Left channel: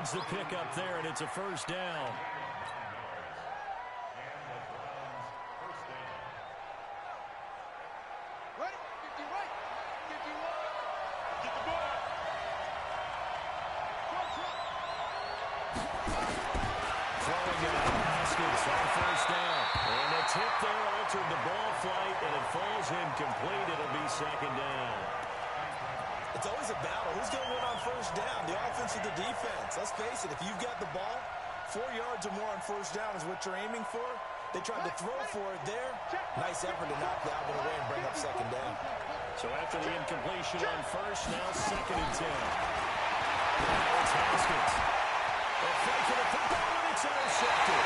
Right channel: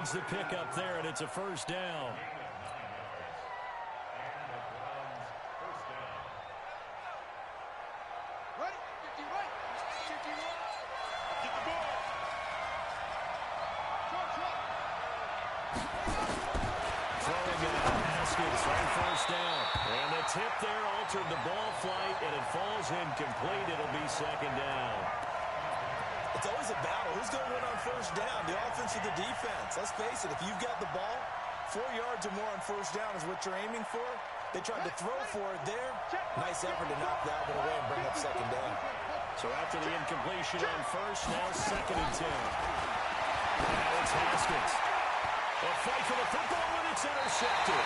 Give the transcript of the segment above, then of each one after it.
yards the pickup there, and it's a first down. Ready? 50 right. 51. Get the ball. Throwing out Haskins on first down. And the tip there altered the ball flight, and it falls incomplete. It'll be second down. It's always a battle. Who's going to win on first down, the offense or the defense? Let's face it, if you've got the ball, 4 yards or more on first down is what you're aiming for. They tried to throw for it there. Nice effort to knock that one away and bring up second down. So after the incompletion on first, now second and 10. Now it's Haskins. A fight for the football, and it's intercepted.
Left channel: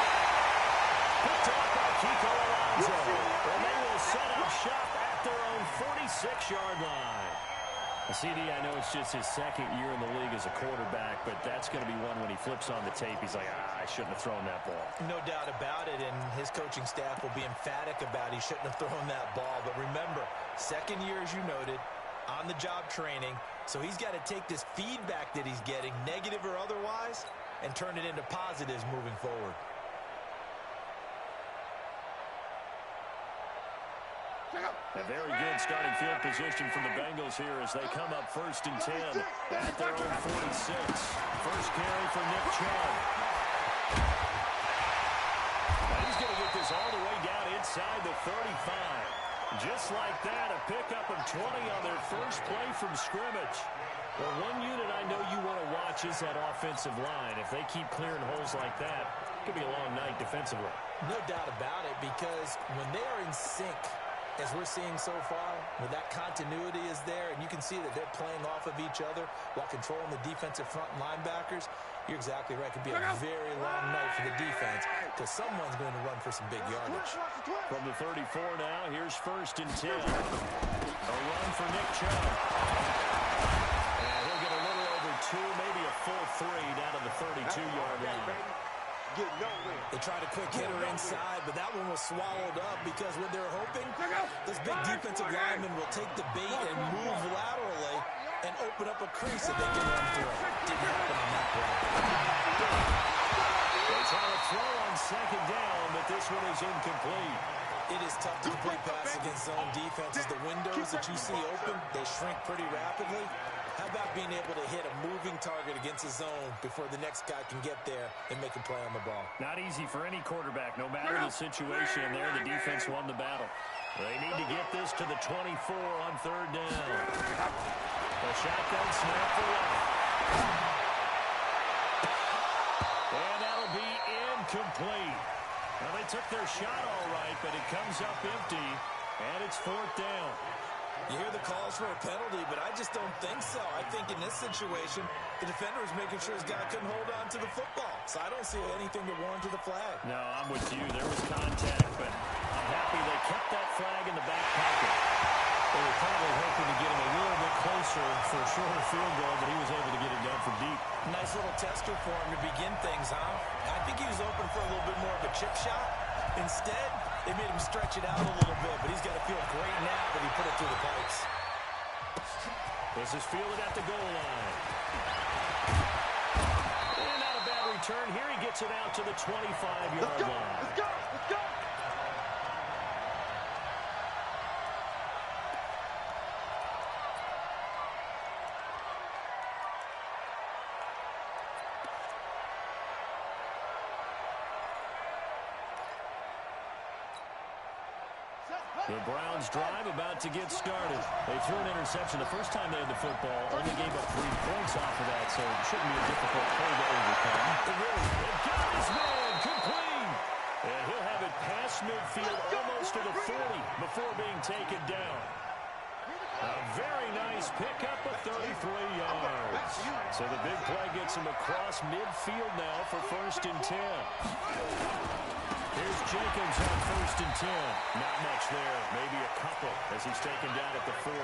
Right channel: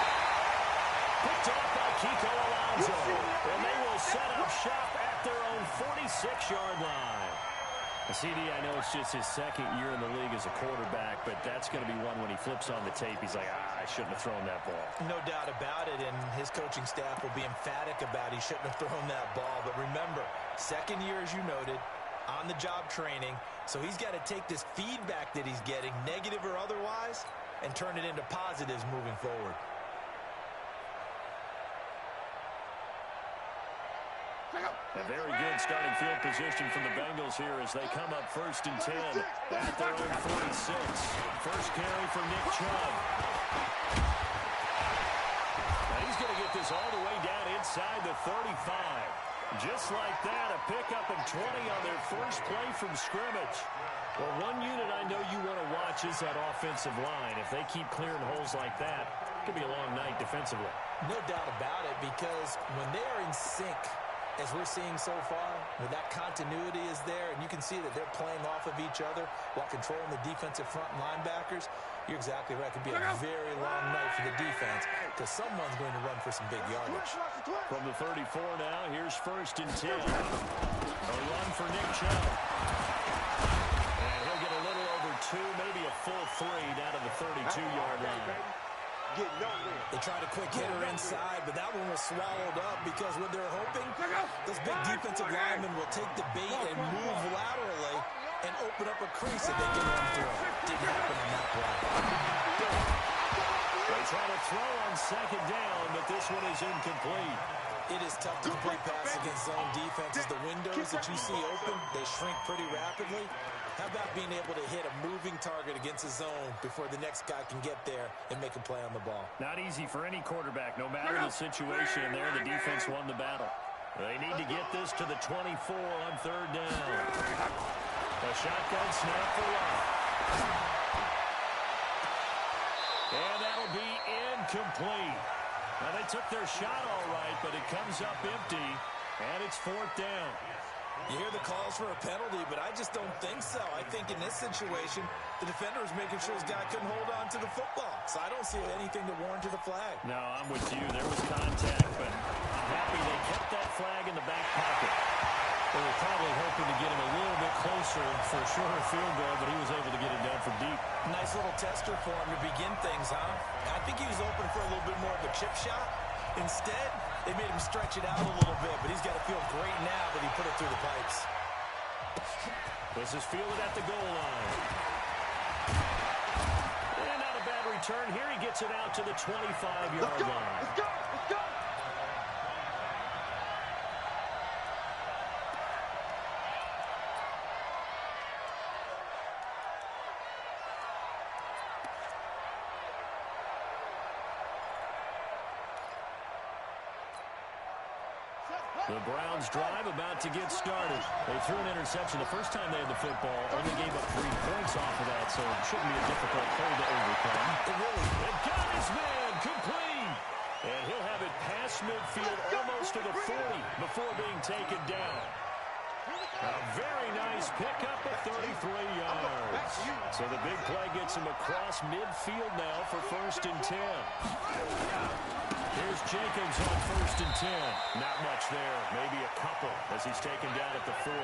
Picked off by Kiko Alonso. And they will set up shop at their own 46-yard line. CD, I know it's just his second year in the league as a quarterback, but that's going to be one when he flips on the tape. He's like, I shouldn't have thrown that ball. No doubt about it, and his coaching staff will be emphatic about he shouldn't have thrown that ball. But remember, second year, as you noted, on-the-job training, so he's got to take this feedback that he's getting, negative or otherwise, and turn it into positives moving forward. A very good starting field position from the Bengals here as they come up first and 10 at their own 46. First carry for Nick Chubb. Now he's going to get this all the way down inside the 35. Just like that, a pickup of 20 on their first play from scrimmage. Well, one unit I know you want to watch is that offensive line. If they keep clearing holes like that, it could be a long night defensively. No doubt about it, because when they are in sync, as we're seeing so far, where that continuity is there, and you can see that they're playing off of each other while controlling the defensive front linebackers, you're exactly right. It could be a very long night for the defense because someone's going to run for some big yardage. From the 34 now, here's first and 10. A run for Nick Chubb. And he'll get a little over 2, maybe a full 3 down to the 32-yard line. They tried a quick hitter inside, but that one was swallowed up because what they're hoping, this big defensive lineman will take the bait and move laterally and open up a crease that they can run through. Didn't happen on that play. They try to throw on second down, but this one is incomplete. It is tough to complete pass against zone defenses. The windows that you see open, they shrink pretty rapidly. How about being able to hit a moving target against a zone before the next guy can get there and make a play on the ball? Not easy for any quarterback, no matter the situation there. The defense won the battle. They need to get this to the 24 on third down. A shotgun snap for Love. And that'll be incomplete. Well, they took their shot all right, but it comes up empty, and it's fourth down. You hear the calls for a penalty, but I just don't think so. I think in this situation, the defender was making sure his guy couldn't hold on to the football. So I don't see anything to warrant to the flag. No, I'm with you. There was contact, but I'm happy they kept that flag in the back pocket. They were probably hoping to get him a little bit closer for a shorter field goal, but he was able to get it done from deep. Nice little tester for him to begin things, huh? I think he was open for a little bit more of a chip shot. Instead, they made him stretch it out a little bit, but he's got to feel great now that he put it through the pipes. This is fielded at the goal line. And not a bad return. Here he gets it out to the 25-yard line. Let's go! Let's go! The Browns drive about to get started. They threw an interception the first time they had the football. Only gave up 3 points off of that, so it shouldn't be a difficult hole to overcome. They've got his man complete. And he'll have it past midfield almost to the 40 before being taken down. A very nice pickup of 33 yards. So the big play gets him across midfield now for first and 10. Here's Jacobs on first and 10. Not much there. Maybe a couple as he's taken down at the 40.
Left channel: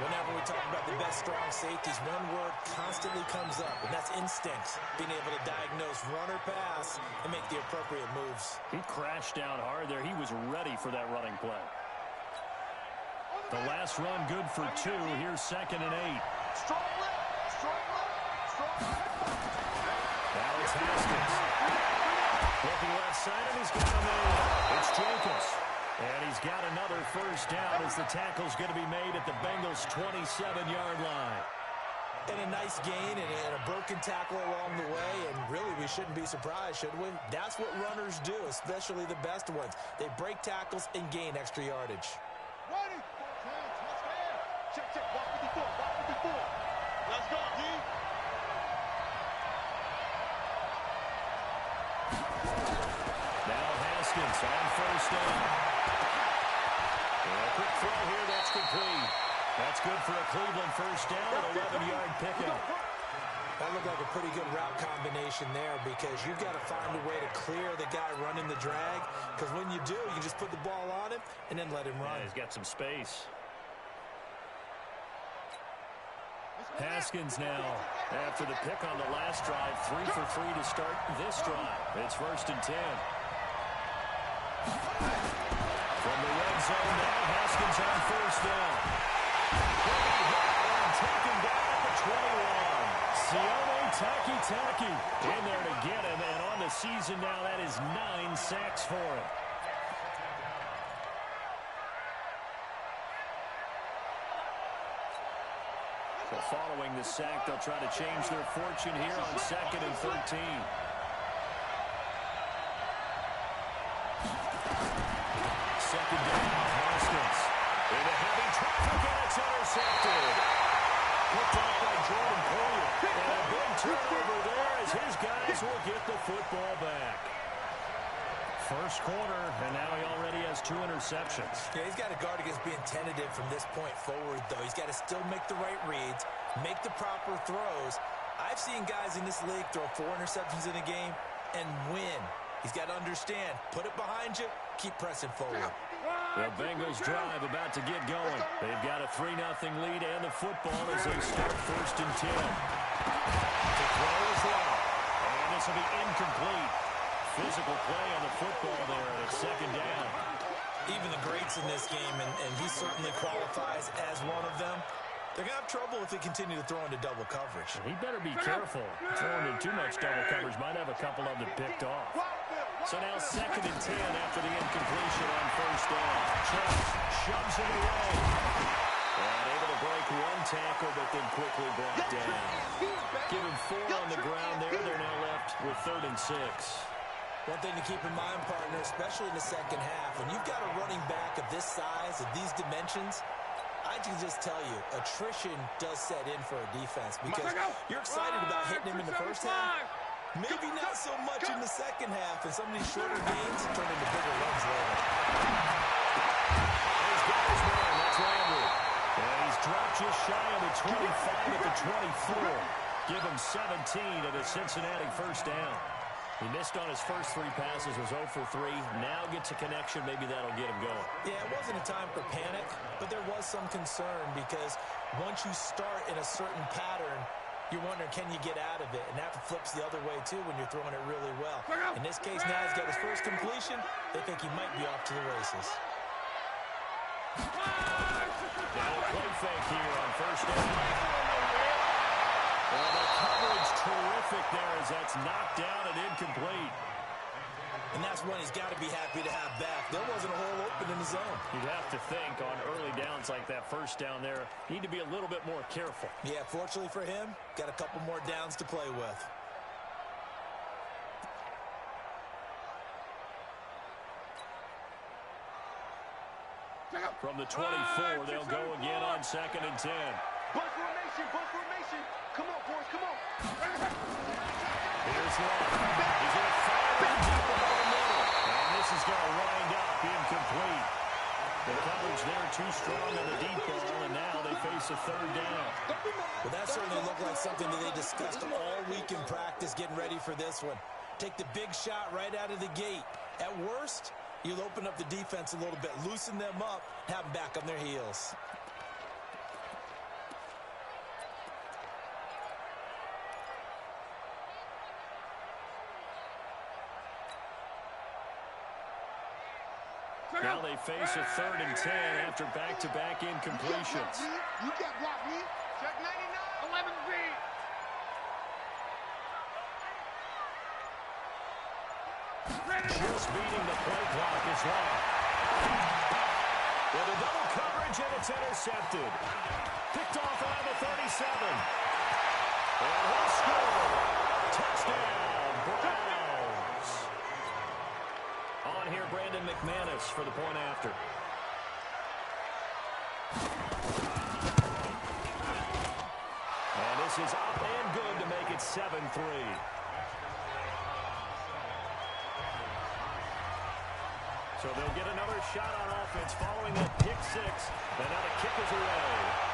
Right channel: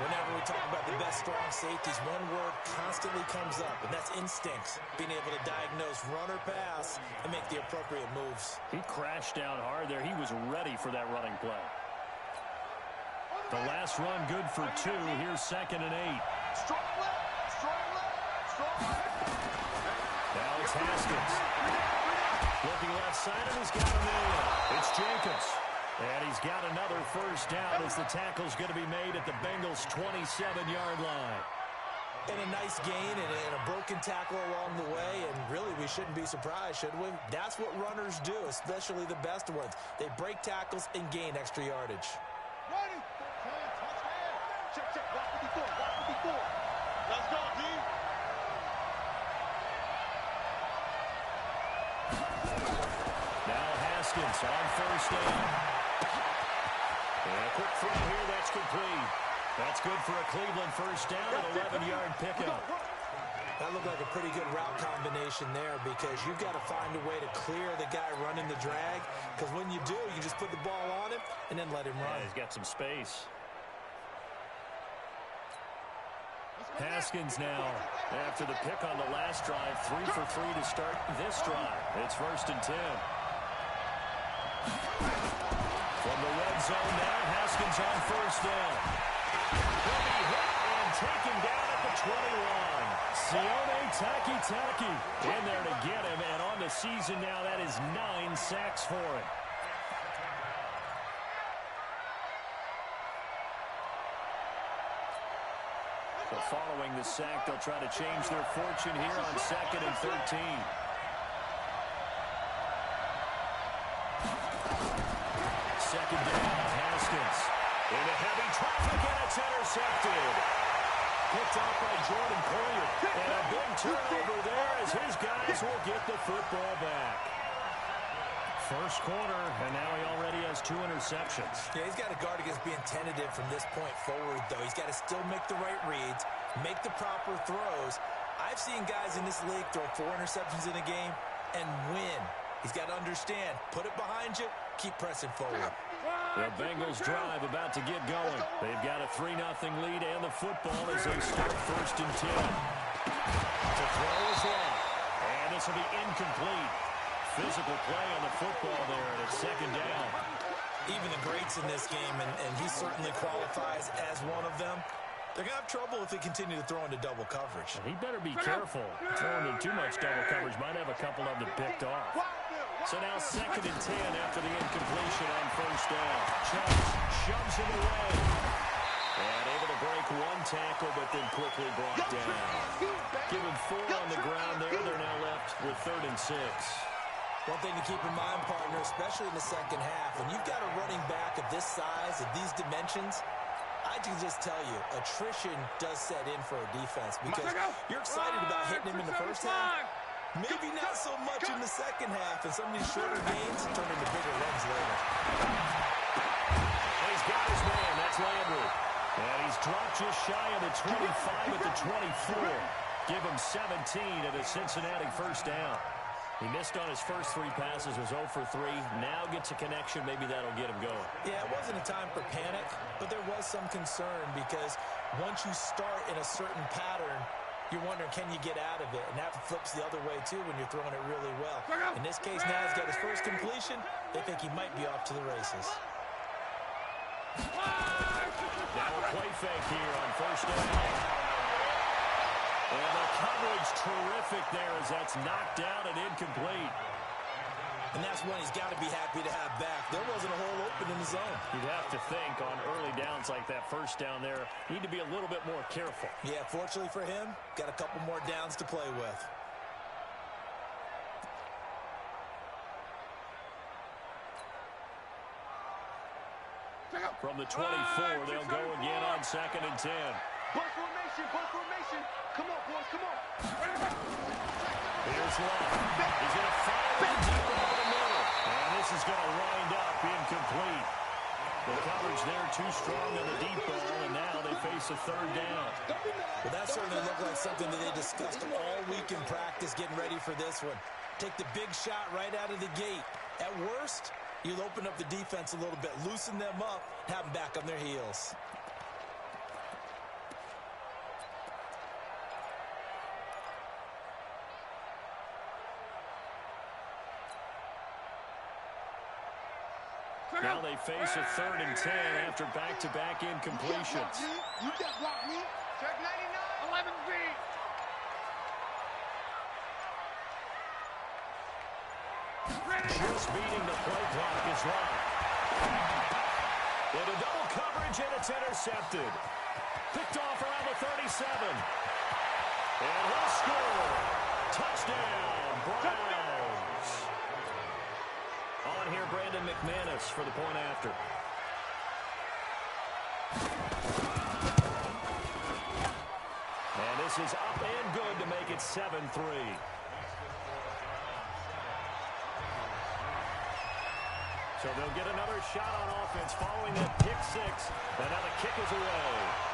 Whenever we talk about the best strong safeties, one word constantly comes up, and that's instincts. Being able to diagnose run or pass and make the appropriate moves. He crashed down hard there. He was ready for that running play. The last run good for 2. Here's second and 8. Strong left, strong left, strong Now it's Haskins. Looking left side, and he's got a man. It's Jacobs. And he's got another first down as the tackle's going to be made at the Bengals' 27-yard line. And a nice gain and a broken tackle along the way, and really we shouldn't be surprised, should we? That's what runners do, especially the best ones. They break tackles and gain extra yardage. Ready. Check, check. Walk 54. Walk 54. Let's go, D. Now Haskins on first down. And a quick throw here, that's complete. That's good for a Cleveland first down, an 11-yard pickup. That looked like a pretty good route combination there because you've got to find a way to clear the guy running the drag, because when you do, you just put the ball on him and then let him run. Yeah, he's got some space. Haskins now, after the pick on the last drive, 3 for 3 to start this drive. It's 1st and 10. From the red zone now, Haskins on first down. He'll be hit and taken down at the 21. Sione Taki in there to get him, and on the season now, that is 9 sacks for him. So following the sack, they'll try to change their fortune here on 2nd and 13. Second down, Haskins. Into heavy traffic, and it's intercepted. Picked off by Jordan Poyer. And a big turnover there as his guys will get the football back. First quarter, and now he already has 2 interceptions. Yeah, he's got to guard against being tentative from this point forward, though. He's got to still make the right reads, make the proper throws. I've seen guys in this league throw 4 interceptions in a game and win. He's got to understand, put it behind you, keep pressing forward. The Bengals drive about to get going. They've got a 3-0 lead and the football as they start 1st and 10. To throw is long, and this will be incomplete. Physical play on the football there, and it's 2nd down. Even the greats in this game, and he certainly qualifies as one of them, they're going to have trouble if they continue to throw into double coverage. He better be careful. Throwing in too much double coverage might have a couple of them picked off. So now 2nd and 10 after the incompletion on first down. Chubb shoves him away. And able to break 1 tackle, but then quickly brought down. Give him 4 on the ground there. They're now left with 3rd and 6. One thing to keep in mind, partner, especially in the second half, when you've got a running back of this size, of these dimensions, I can just tell you, attrition does set in for a defense because you're excited about hitting him in the first half. Maybe not so much in the second half, and some of these shorter gains turn into bigger runs later. And he's got his man. That's Landry. And he's dropped just shy of the 25 at the 24. Give him 17 at a Cincinnati first down. He missed on his first 3 passes, was 0 for 3. Now gets a connection. Maybe that'll get him going. Yeah, it wasn't a time for panic, but there was some concern because once you start in a certain pattern, you're wondering, can you get out of it? And that flips the other way, too, when you're throwing it really well. In this case, now he's got his first completion. They think he might be off to the races. Now a play fake here on first down. And the coverage terrific there as that's knocked down and incomplete. And that's one he's got to be happy to have back. There wasn't a hole open in the zone. You'd have to think on early downs like that first down there, need to be a little bit more careful. Yeah, fortunately for him, got a couple more downs to play with. From the 24, they'll go again on 2nd and 10. Bunch formation, bunch formation. Come on, boys, come on. Here's Love. He's going to fire it deep over the middle. And this is going to wind up incomplete. The coverage there too strong on the deep ball, and now they face a 3rd down. Well, that certainly looked like something that they discussed all week in practice getting ready for this one. Take the big shot right out of the gate. At worst, you'll open up the defense a little bit, loosen them up, have them back on their heels. Now they face a 3rd and 10 after back-to-back incompletions. You can't block me. Check 99. 11 feet. Just beating the play clock is locked. Into double coverage, and it's intercepted. Picked off around the 37. And he'll score. Touchdown, Browns. On here, Brandon McManus for the point after. And this is up and good to make it 7-3. So they'll get another shot on offense following that pick six. And now the kick is away.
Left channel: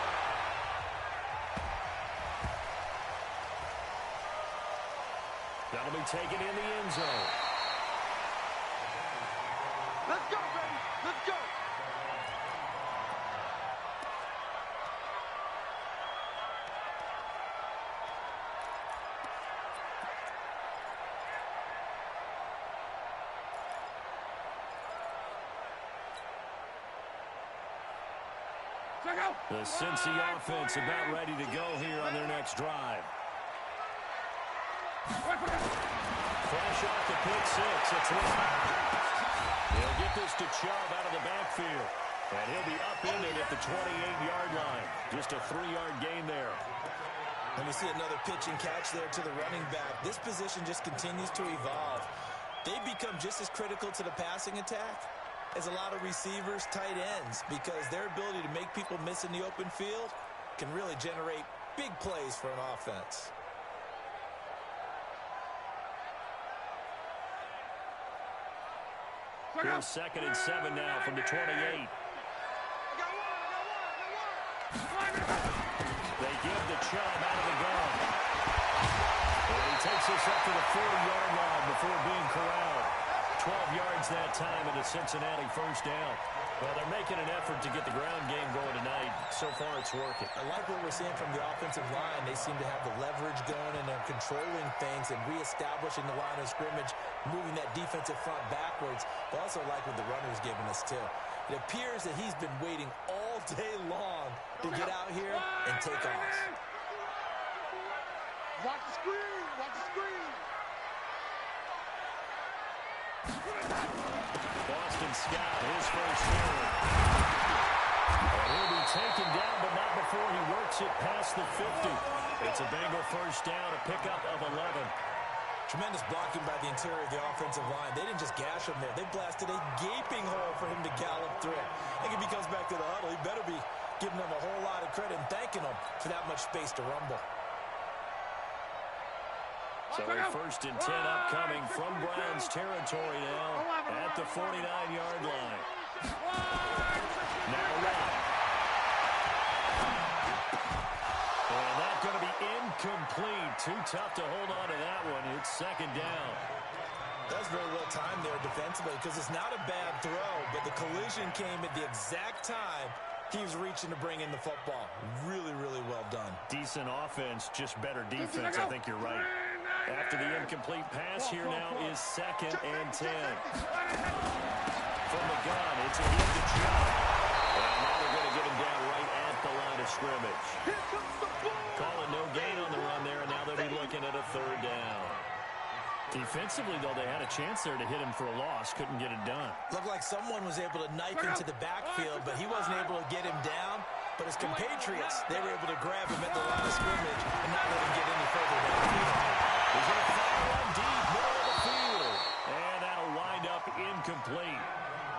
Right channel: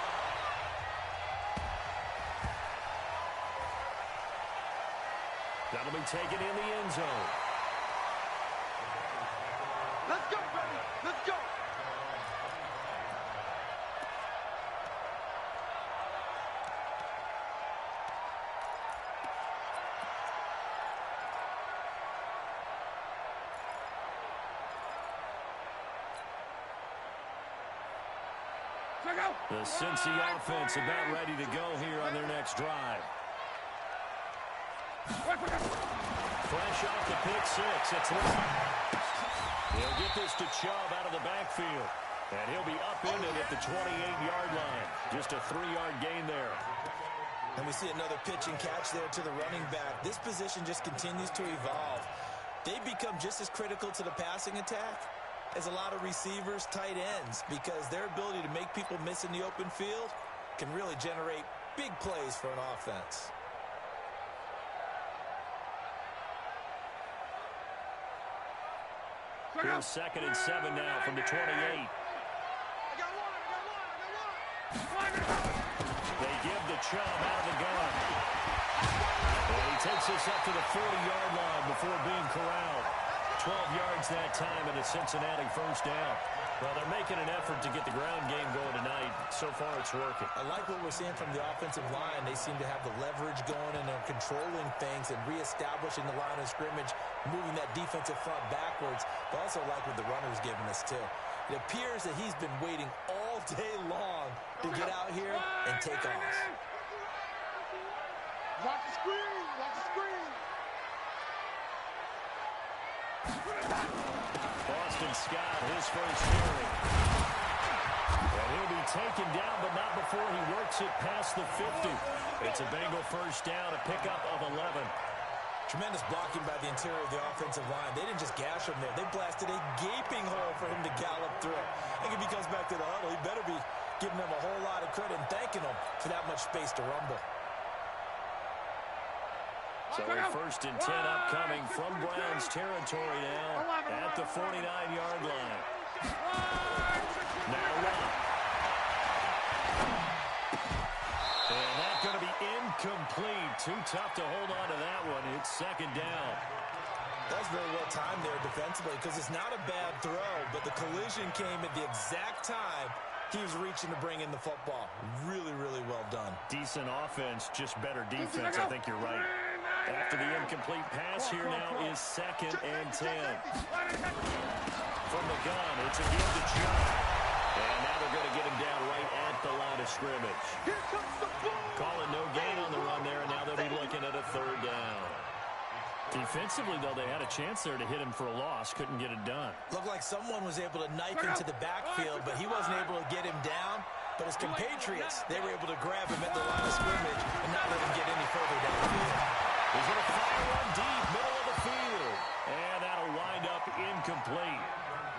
That'll be taken in the end zone. Let's go, baby. Let's go. The Cincy offense about ready to go here on their next drive. Fresh off the pick six, it's Mlol. He'll get this to Chubb out of the backfield. And he'll be upended at the 28-yard line. Just a 3-yard gain there. And we see another pitch and catch there to the running back. This position just continues to evolve. They become just as critical to the passing attack as a lot of receivers, tight ends, because their ability to make people miss in the open field can really generate big plays for an offense. Here's 2nd and 7 now from the 28. I got one. They give the Chubb out of the gun. And he takes this up to the 40-yard line before being corralled. 12 yards that time and a Cincinnati first down. Well, they're making an effort to get the ground game going tonight. So far, it's working. I like what we're seeing from the offensive line. They seem to have the leverage going, and they're controlling things and reestablishing the line of scrimmage, moving that defensive front backwards. But also like what the runner's giving us, too. It appears that he's been waiting all day long to get out here and take off. Watch the screen. Watch the screen. Boston Scott, his first carry. And he'll be taken down, but not before he works it past the 50. It's a Bengal first down, a pickup of 11. Tremendous blocking by the interior of the offensive line. They didn't just gash him there. They blasted a gaping hole for him to gallop through. I think if he comes back to the huddle, he better be giving them a whole lot of credit and thanking them for that much space to rumble. So a 1st and 10 upcoming from Browns territory now at the 49-yard line. Now Mlol. And that's going to be incomplete. Too tough to hold on to that one. It's 2nd down. That's very well timed there defensively because it's not a bad throw, but the collision came at the exact time he was reaching to bring in the football. Really, really well done. Decent offense, just better defense. I think you're right. After the incomplete pass, here now is 2nd and 10. From the gun, it's a give to Chubb. And now they're going to get him down right at the line of scrimmage. Calling no gain on the run there, and now they'll be looking at a 3rd down. Defensively, though, they had a chance there to hit him for a loss. Couldn't get it done. Looked like someone was able to knife into the backfield, but he wasn't able to get him down. But his compatriots, they were able to grab him at the line of scrimmage and not let him get any further downfield. He's going to fire one deep, middle of the field. And that'll wind up incomplete.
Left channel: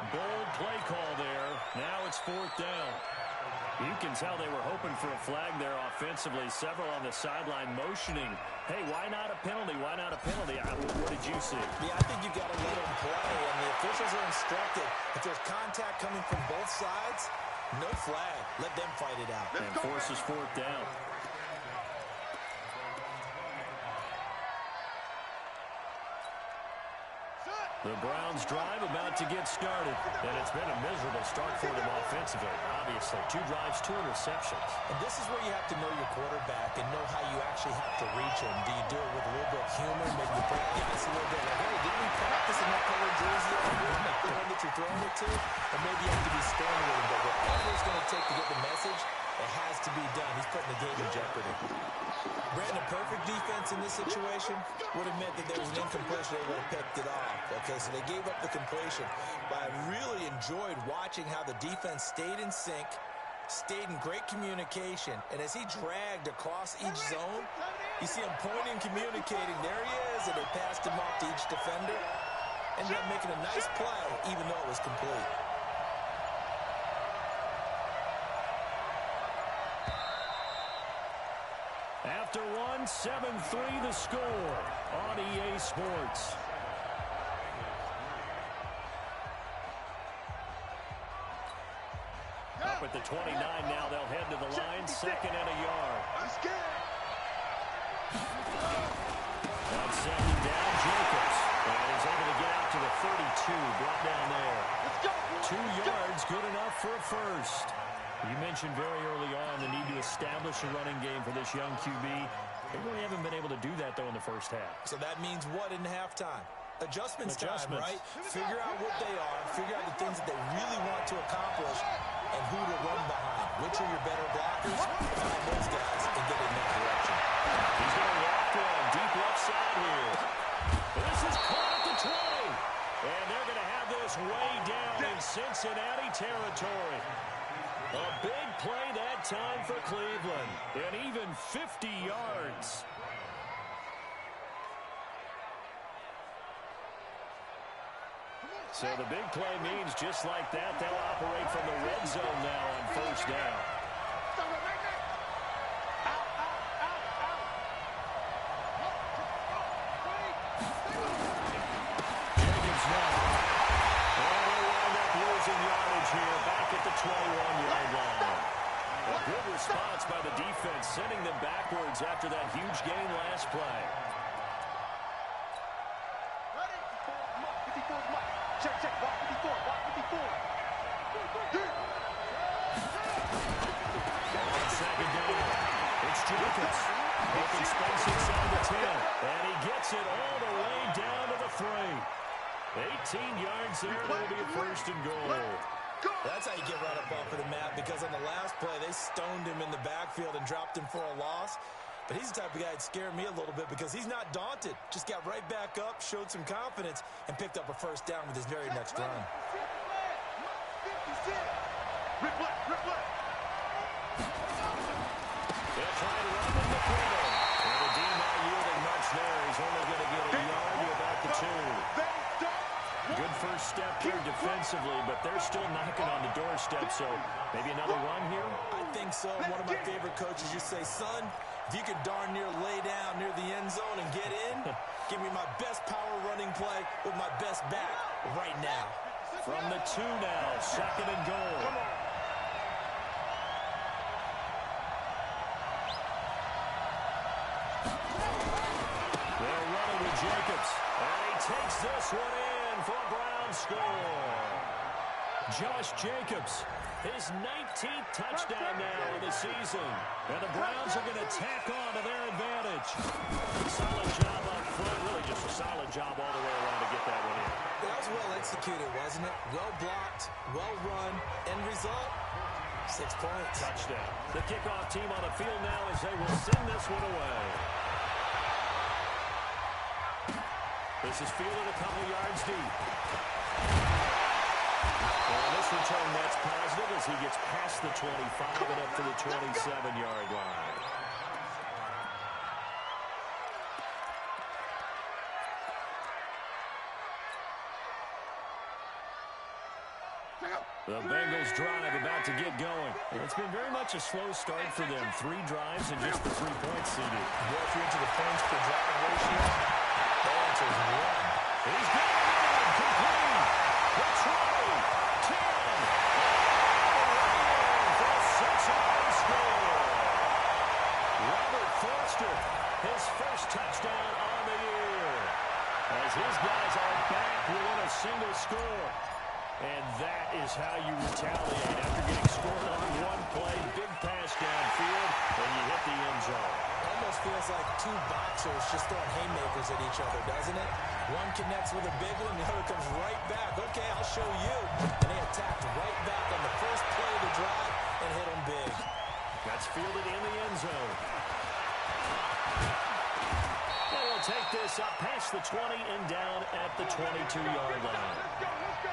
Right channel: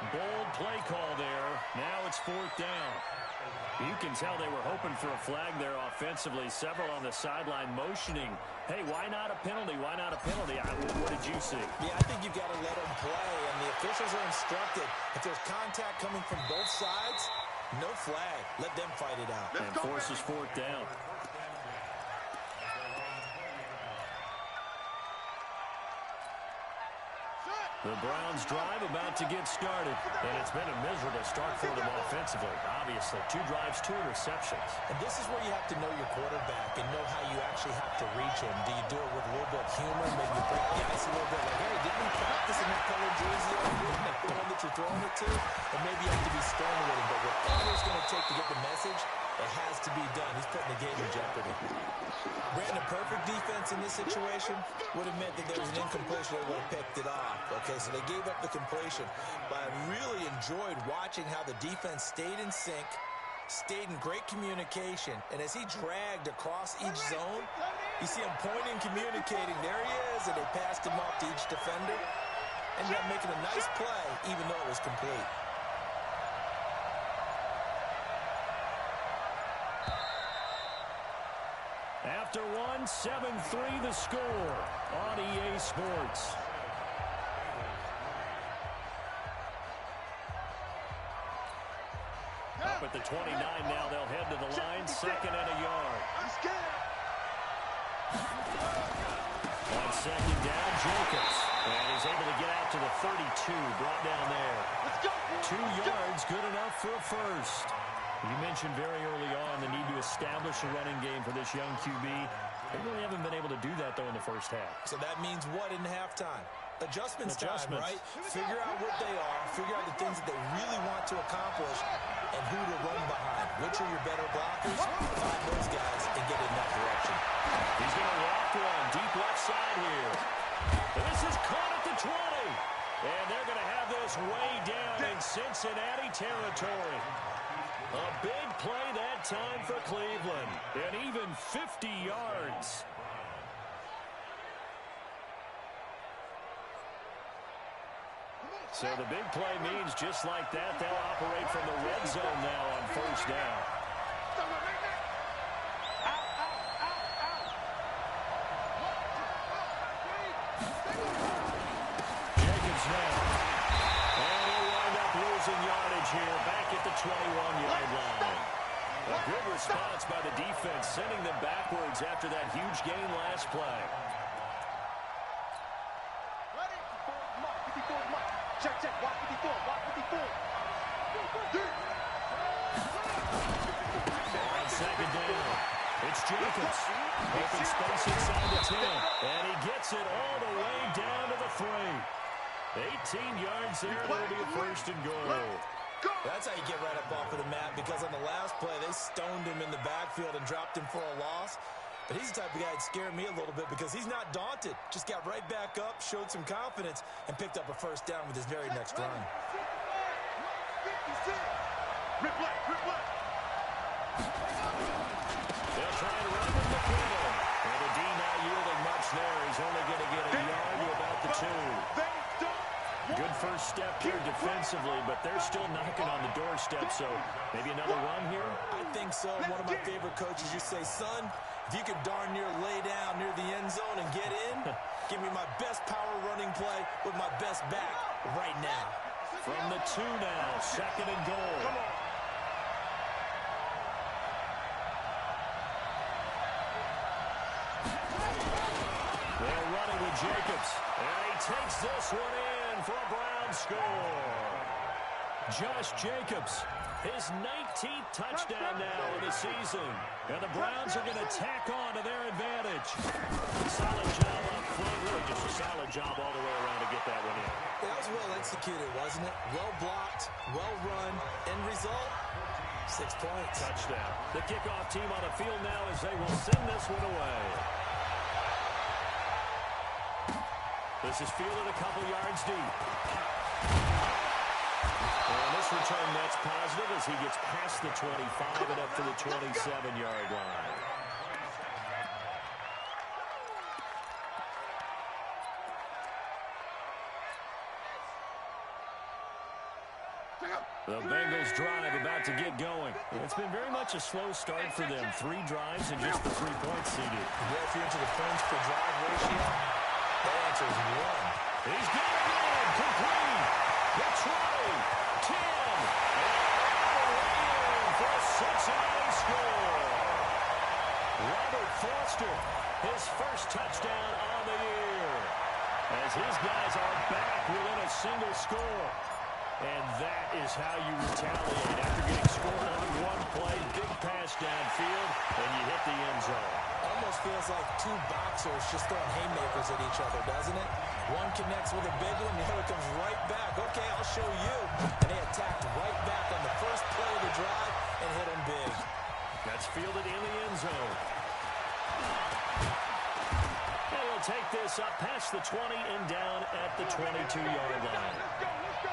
Bold play call there. Now it's 4th down. You can tell they were hoping for a flag there offensively. Several on the sideline motioning. Hey, why not a penalty? Why not a penalty? What did you see? Yeah, I think you've got to let them play, and the officials are instructed. If there's contact coming from both sides, no flag. Let them fight it out. And forces 4th down. The Browns drive about to get started, and it's been a miserable start for them offensively. Obviously, 2 drives, 2 interceptions. And this is where you have to know your quarterback and know how you actually have to reach him. Do you do it with a little bit of humor, maybe you break the ice a little bit, like, hey, didn't we practice in that colored jersey like the one that you're throwing it to? Or maybe you have to be stern with him, but whatever it's going to take to get the message, It has to be done. He's putting the game in jeopardy. Brandon, a perfect defense in this situation would have meant that there was an incompletion. They would have picked it off. Okay, so they gave up the completion. But I really enjoyed watching how the defense stayed in sync, stayed in great communication. And as he dragged across each zone, you see him pointing, communicating. There he is, and they passed him off to each defender. Ended up making a nice play, even though it was complete. After one, 7-3 the score on EA Sports. Up at the 29 now, they'll head to the line, 2nd and a yard. I'm scared. On 2nd down, Jacobs. And he's able to get out to the 32, brought down there. Let's go. 2 yards, good enough for a first. You mentioned very early on the need to establish a running game for this young QB. They really haven't been able to do that, though, in the first half. So that means what in halftime? Adjustments time, right? Figure out what they are, figure out the things that they really want to accomplish, and who to run behind. Which are your better blockers? Find those guys and get in that direction. He's going to walk one deep left side here. This is caught at the 20. And they're going to have this way down in Cincinnati territory. A big play that time for Cleveland. And even 50 yards. So the big play means just like that, they'll operate from the red zone now on 1st down. Jacobs now. And he'll wind up losing yardage here back at the 21-yard line. A good response by the defense, sending them backwards after that huge gain last play. Check, check, walk 54, walk 54. On 2nd down, it's Jacobs. Open space inside the 10. And he gets it all the way down to the 3. 18 yards there, and it'll be a 1st and goal. That's how you get right up off of the mat, because on the last play, they stoned him in the backfield and dropped him for a loss. But he's the type of guy that scared me a little bit because he's not daunted. Just got right back up, showed some confidence, and picked up a 1st down with his very next run. Rip left, rip left. They'll try and run with McClellan. And the D not yielding much there. He's only going to get a yard to about the 2. Good first step there defensively, but they're still knocking on the doorstep, so maybe another run here? I think so. One of my favorite coaches used to say, son, if you could darn near lay down near the end zone and get in, give me my best power running play with my best back right now. From the 2 now, 2nd and goal. Come on. They're running with Jacobs, and he takes this one in for a Brown score. Josh Jacobs, his 19th touchdown now in the season. And the Browns are going to tack on to their advantage. Solid job up front, really just a solid job all the way around to get that one in. That was well executed, wasn't it? Well blocked, well run. End result, 6 points. Touchdown. The kickoff team on the field now as they will send this one away. This is fielded a couple yards deep. And this return net's positive as he gets past the 25 and up to the 27-yard line. The Bengals drive about to get going. It's been very much a slow start for them. 3 drives and just the 3 points seeded. Yeah, if you're into the points per drive ratio, the answer is 1. He's got it in. Complete. The 20, 10, and all the way in for a Cincinnati score. Robert Foster, his first touchdown on the year. As his guys are back within a single score. And that is how you retaliate after getting scored on one play. Big pass downfield, and you hit the end zone. Almost feels like 2 boxers just throwing haymakers at each other, doesn't it? One connects with a big one, the other comes right back. Okay, I'll show you. And they attacked right back on the first play of the drive and hit them big. That's fielded in the end zone. And he'll take this up past the 20 and down at the 22-yard line. Let's go, let's go.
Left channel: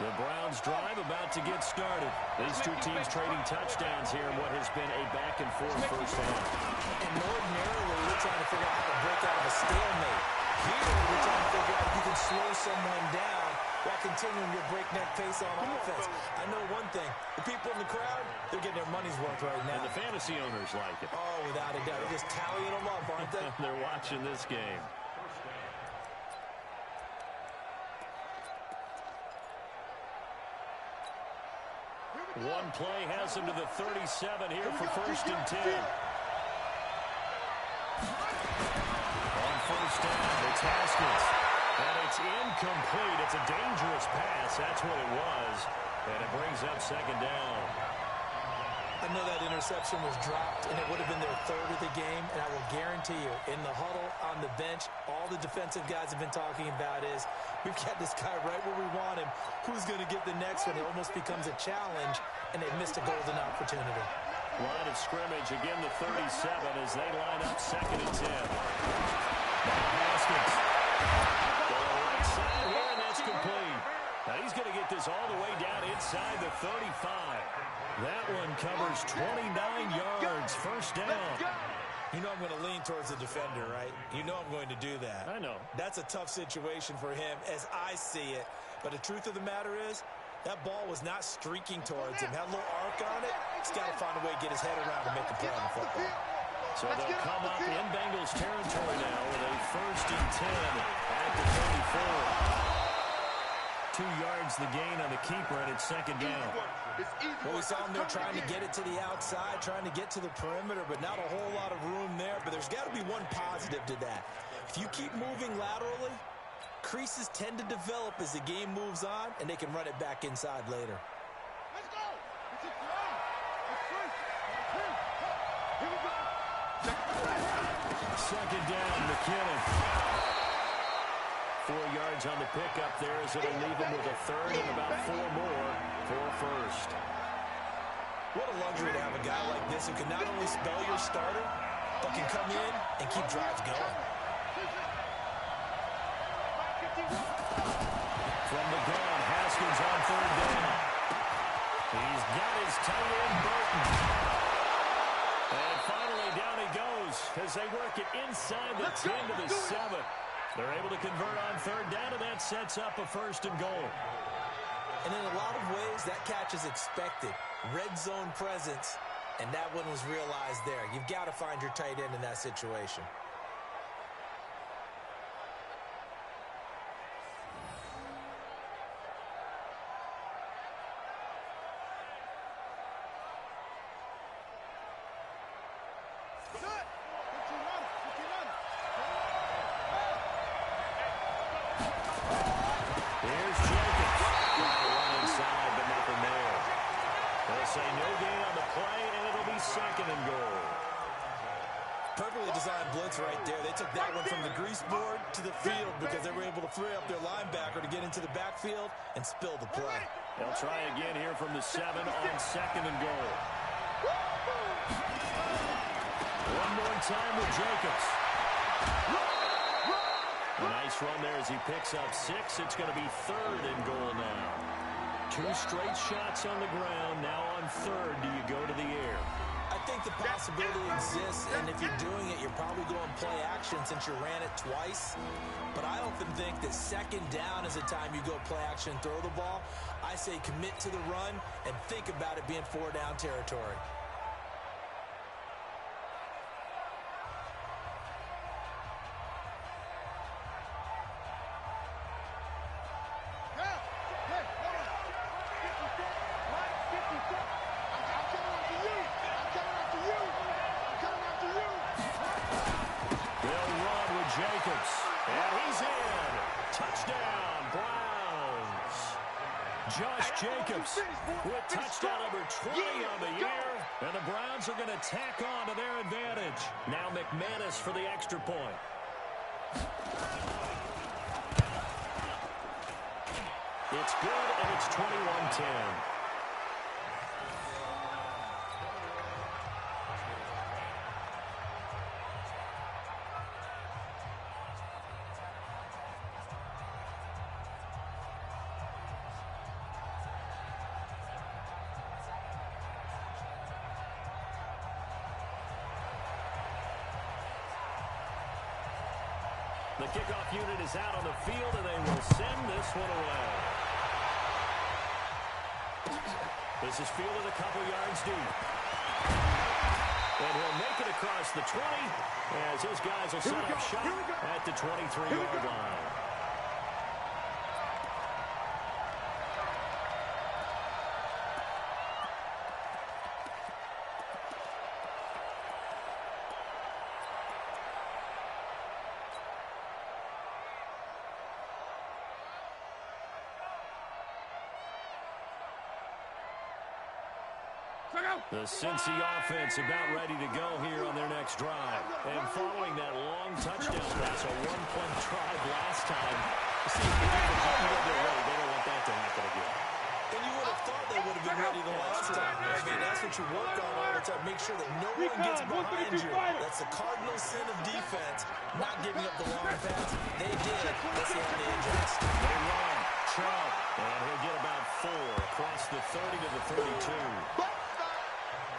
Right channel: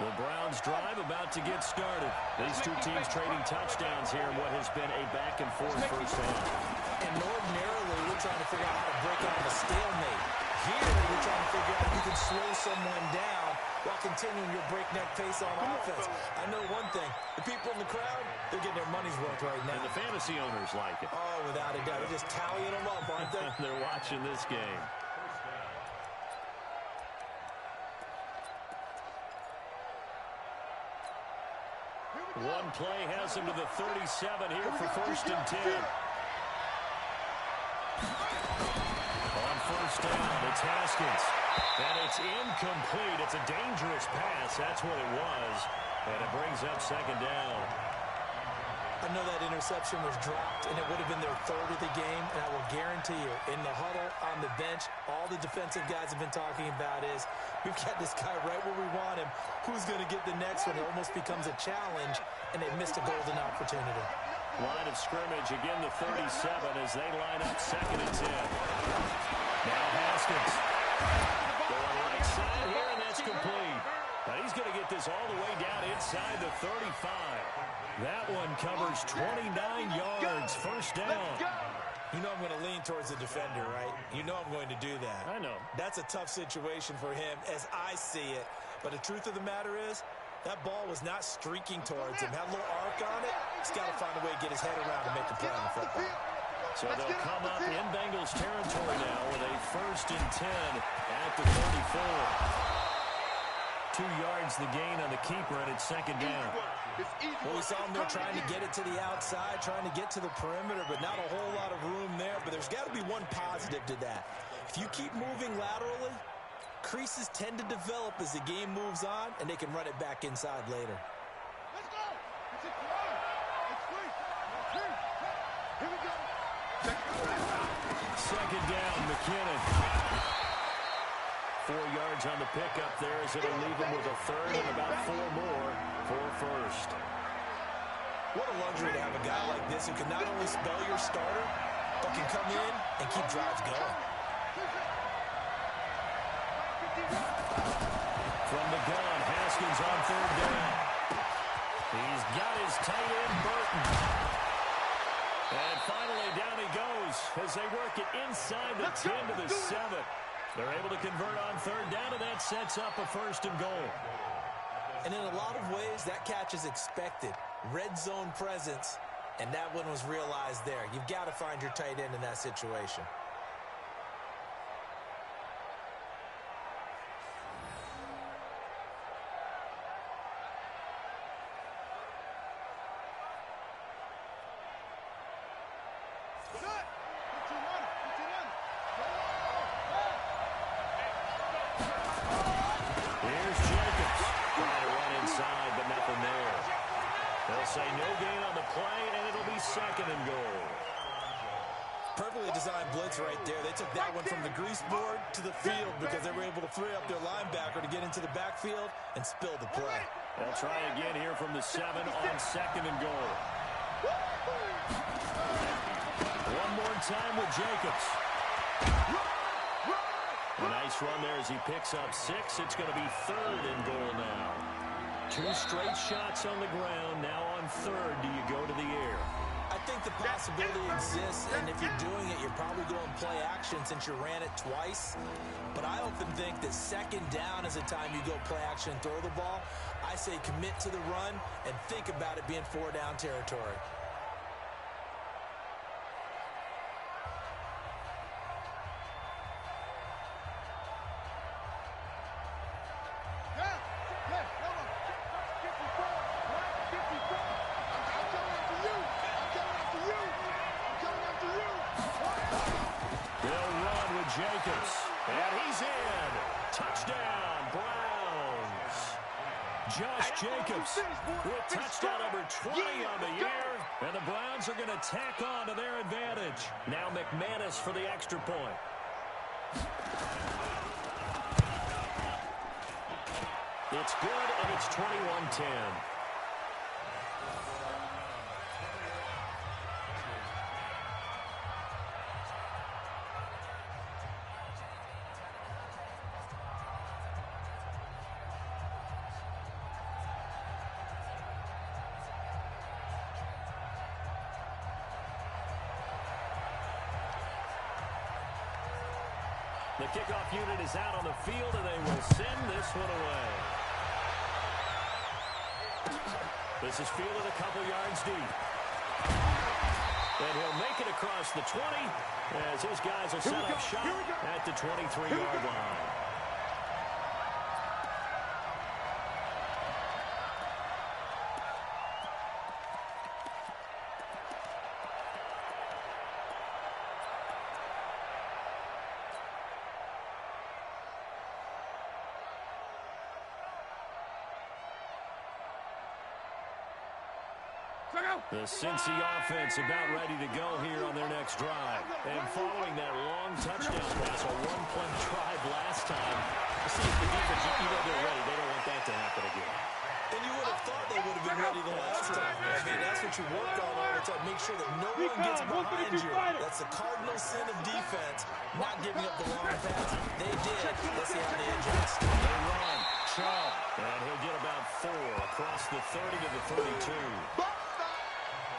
The Browns drive about to get started. These two teams trading touchdowns here in what has been a back-and-forth first half. And ordinarily, we're trying to figure out how to break out of a stalemate. Here, we're trying to figure out if you can slow someone down while continuing your breakneck pace on offense. I know one thing. The people in the crowd, they're getting their money's worth right now. And the fantasy owners like it. Oh, without a doubt. They're just tallying them up, aren't they? They're watching this game. One play has him to the 37 here for first and 10. On first down, it's Haskins. And it's incomplete. It's a dangerous pass. That's what it was. And it brings up second down. I know that interception was dropped, and it would have been their third of the game, and I will guarantee you, in the huddle, on the bench, all the defensive guys have been talking about is, we've got this guy right where we want him. Who's going to get the next one? It almost becomes a challenge, and they missed a golden opportunity. Line of scrimmage, again the 37 as they line up second and 10. Now Haskins. Going right side here, and that's complete. Now he's going to get this all the way down inside the 35. That one covers 29 yards, first down. You know I'm going to lean towards the defender, right? You know I'm going to do that. I know. That's a tough situation for him as I see it. But the truth of the matter is, that ball was not streaking towards him. Had a little arc on it. He's got to find a way to get his head around and make a play on the football. So they'll come up in Bengals territory now with a first and 10 at the 34. 2 yards the gain on the keeper, and it's second down. Well, we saw him there trying to get it to the outside, trying to get to the perimeter, but not a whole lot of room there. But there's got to be one positive to that. If you keep moving laterally, creases tend to develop as the game moves on, and they can run it back inside later. Let's go. It's a throw. It's free. Here we go. Second down, McKinnon. 4 yards on the pickup there as it'll leave him with a third and about 4 more for first. What a luxury to have a guy like this who can not only spell your starter, but can come in and keep drives going. From the gun, Haskins on third down. He's got his tight end, Burton. And finally, down he goes as they work it inside the 10 to the 7. They're able to convert on third down, and that sets up a first and goal. And in a lot of ways, that catch is expected. Red zone presence, and that one was realized there. You've got to find your tight end in that situation. Say no gain on the play, and it'll be second and goal. Perfectly designed blitz right there. They took that one from the grease board to the field because they were able to free up their linebacker to get into the backfield and spill the play. They'll try again here from the 7 on second and goal. One more time with Jacobs. A nice run there as he picks up 6. It's going to be third and goal now. 2 straight shots on the ground. Now on third, do you go to the air? I think the possibility exists, and if you're doing it, you're probably going play action since you ran it twice. But I often think that second down is the time you go play action and throw the ball. I say commit to the run and think about it being 4 down territory. Jacobs, and he's in. Touchdown, Browns. Josh Jacobs with touchdown number 20 on the year. And the Browns are going to tack on to their advantage. Now McManus for the extra point. It's good, and it's 21-10. The kickoff unit is out on the field, and they will send this one away. This is fielded a couple yards deep. And he'll make it across the 20 as his guys will set up shop at the 23-yard line. The Cincy offense about ready to go here on their next drive. And following that long touchdown pass, a one-play drive last time. See if the defense, they're ready. They don't want that to happen again. And you would have thought they would have been ready the last time. I mean, that's what you work on all the time. Make sure that no one gets behind you. That's the cardinal sin of defense, not giving up the long pass. They did. Let's see how they adjust. They run. Chubb. And he'll get about 4 across the 30 to the 32.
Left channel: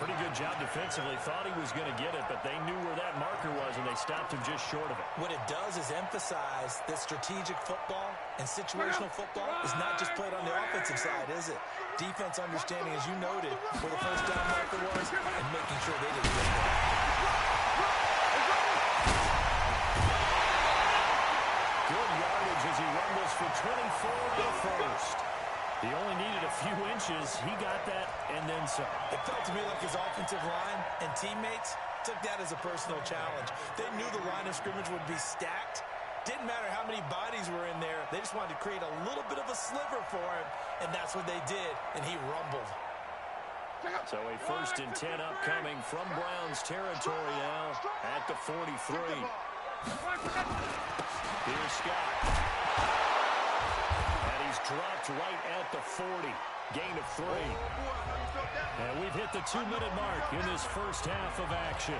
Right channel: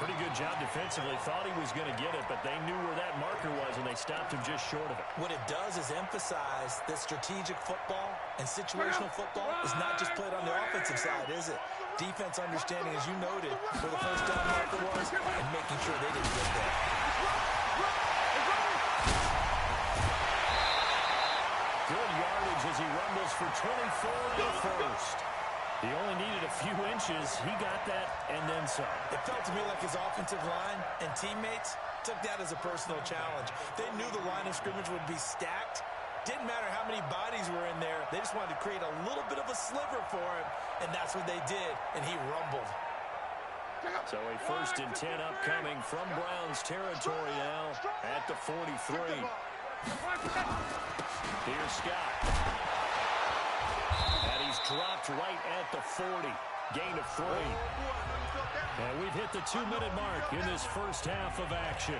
Pretty good job defensively. Thought he was going to get it, but they knew where that marker was, and they stopped him just short of it. What it does is emphasize that strategic football and situational football is not just played on the offensive side, is it? Defense understanding, as you noted, where the first down marker was, and making sure they didn't get there. Good yardage as he rumbles for 24 in the first. He only needed a few inches. He got that and then some. It felt to me like his offensive line and teammates took that as a personal challenge. They knew the line of scrimmage would be stacked. Didn't matter how many bodies were in there. They just wanted to create a little bit of a sliver for him, and that's what they did, and he rumbled. So a 1st and 10 upcoming from Browns territory now at the 43. Here's Scott. And he's dropped right at the 40. Gain of 3. And we've hit the 2-minute mark in this first half of action.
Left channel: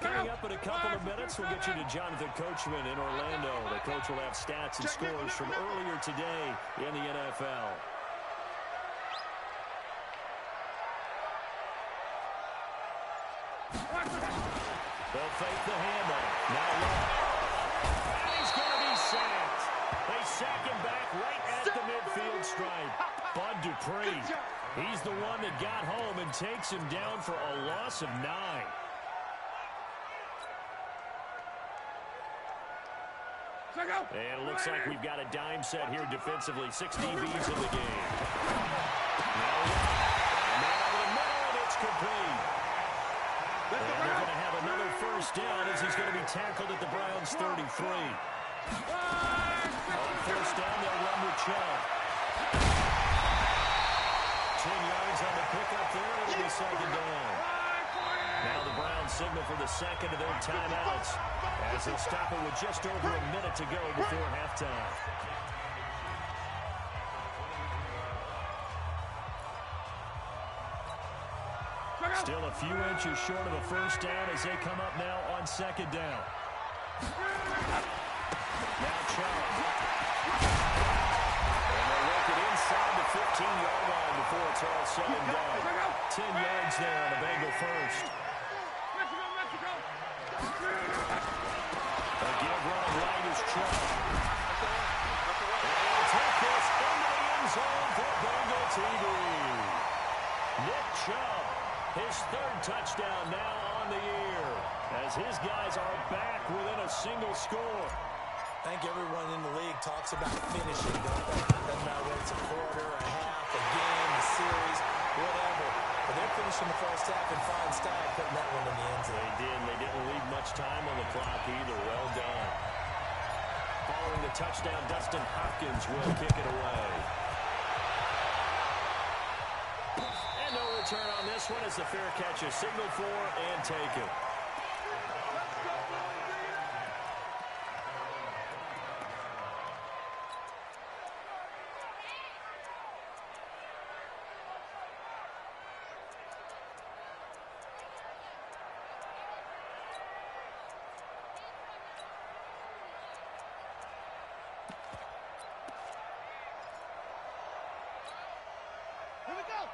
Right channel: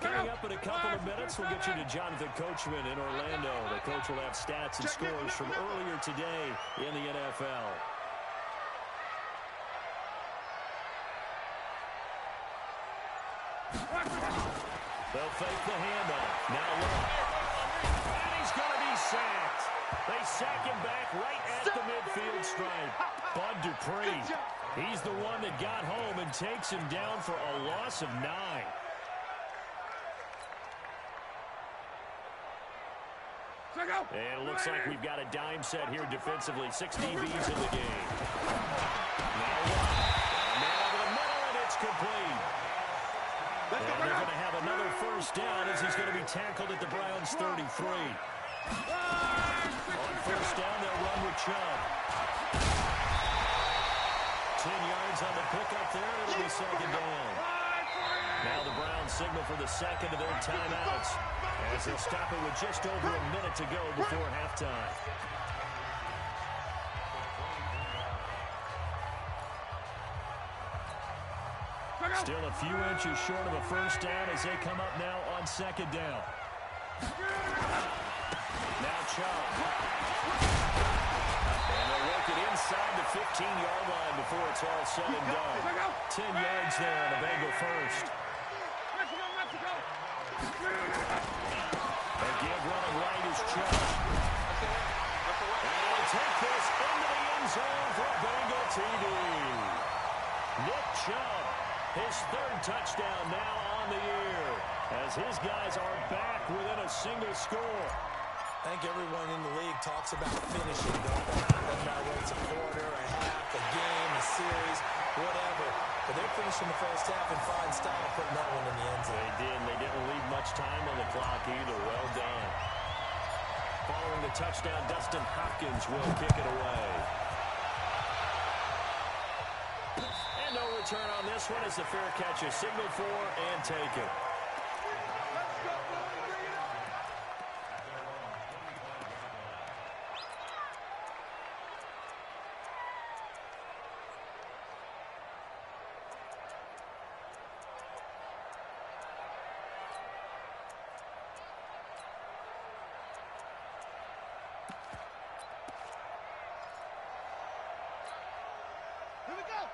Coming up in a couple of minutes, we'll get you to Jonathan Coachman in Orlando. The coach will have stats and scores from earlier today in the NFL. They'll fake the handoff. Now look. And he's going to be sacked. They sack him back right at the midfield stripe. Bud Dupree. He's the one that got home and takes him down for a loss of 9. And it looks like we've got a dime set here defensively. 6 DBs in the game. Now what? Man over the middle, and it's complete. And they're going to have another first down as he's going to be tackled at the Browns' 33. On first down, they'll run with Chubb. 10 yards on the pickup there. It'll be second down. Now the Browns signal for the second of their timeouts as they'll stop it with just over a minute to go before halftime. Still a few inches short of a first down as they come up now on second down. Now Chubb. And they'll work it inside the 15-yard line before it's all said and done. 10 yards there on a Bengal first. Again, running right is Chubb. And he'll take this into the end zone for Bengal TD. Nick Chubb, his 3rd touchdown now on the year, as his guys are back within a single score. I think everyone in the league talks about finishing, don't they? Doesn't matter whether it's a quarter, a half, a game, a series, whatever. But they're finishing the first half in fine style, putting that one in the end zone. They did. They didn't leave much time on the clock either. Well done. Following the touchdown, Dustin Hopkins will kick it away. And no return on this one as the fair catch is signaled for and taken.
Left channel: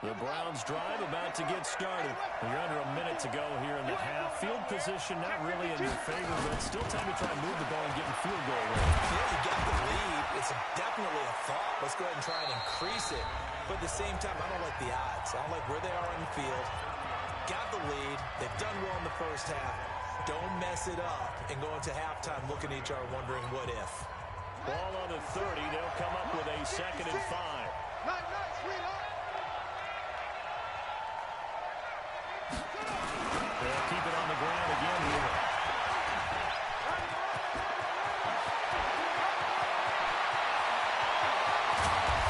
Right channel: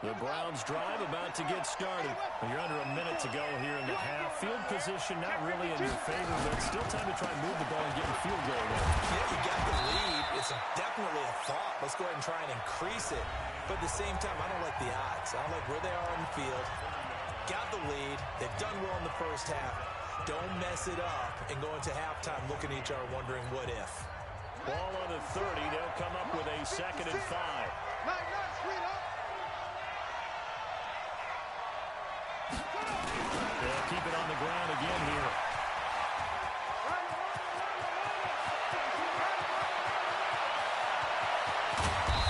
The Browns drive about to get started. You're under a minute to go here in the half. Field position not really in your favor, but still time to try and move the ball and get in field goal range. Yeah, you got the lead. It's definitely a thought. Let's go ahead and try and increase it. But at the same time, I don't like the odds. I don't like where they are on the field. Got the lead. They've done well in the first half. Don't mess it up and go into halftime looking at each other wondering what if. Ball on the 30. They'll come up with a 2nd and 5. Night, sweetheart. They'll keep it on the ground again here.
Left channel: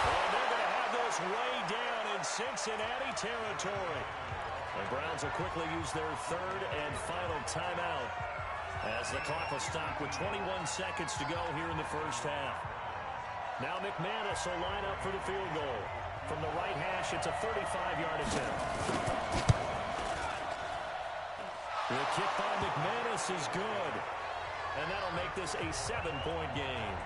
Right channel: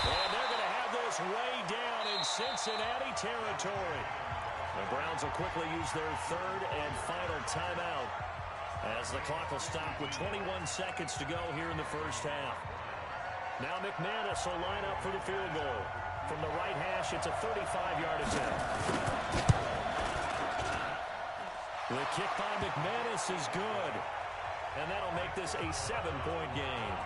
And they're going to have this way down in Cincinnati territory. The Browns will quickly use their 3rd and final timeout as the clock will stop with 21 seconds to go here in the first half. Now McManus will line up for the field goal. From the right hash, it's a 35-yard attempt. The kick by McManus is good. And that'll make this a 7-point game.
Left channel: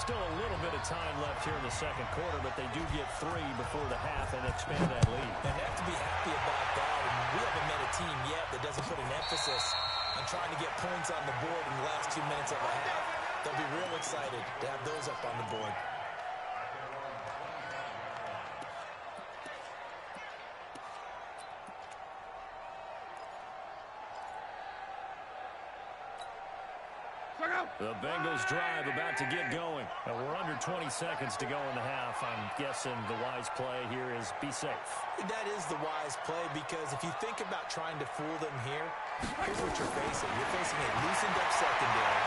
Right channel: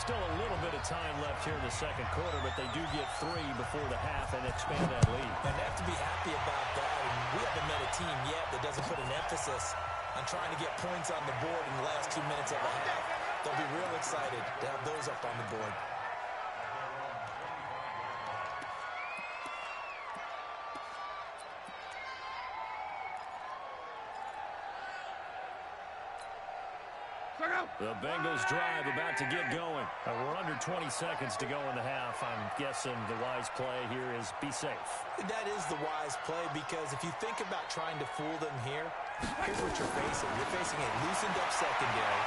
Still a little bit of time left here in the second quarter, but they do get 3 before the half and expand that lead. And they have to be happy about that. And we haven't met a team yet that doesn't put an emphasis on trying to get points on the board in the last 2 minutes of a half. They'll be real excited to have those up on the board. The Bengals drive about to get going. We're under 20 seconds to go in the half. I'm guessing the wise play here is be safe. That is the wise play because if you think about trying to fool them here, here's what you're facing. You're facing a loosened up secondary,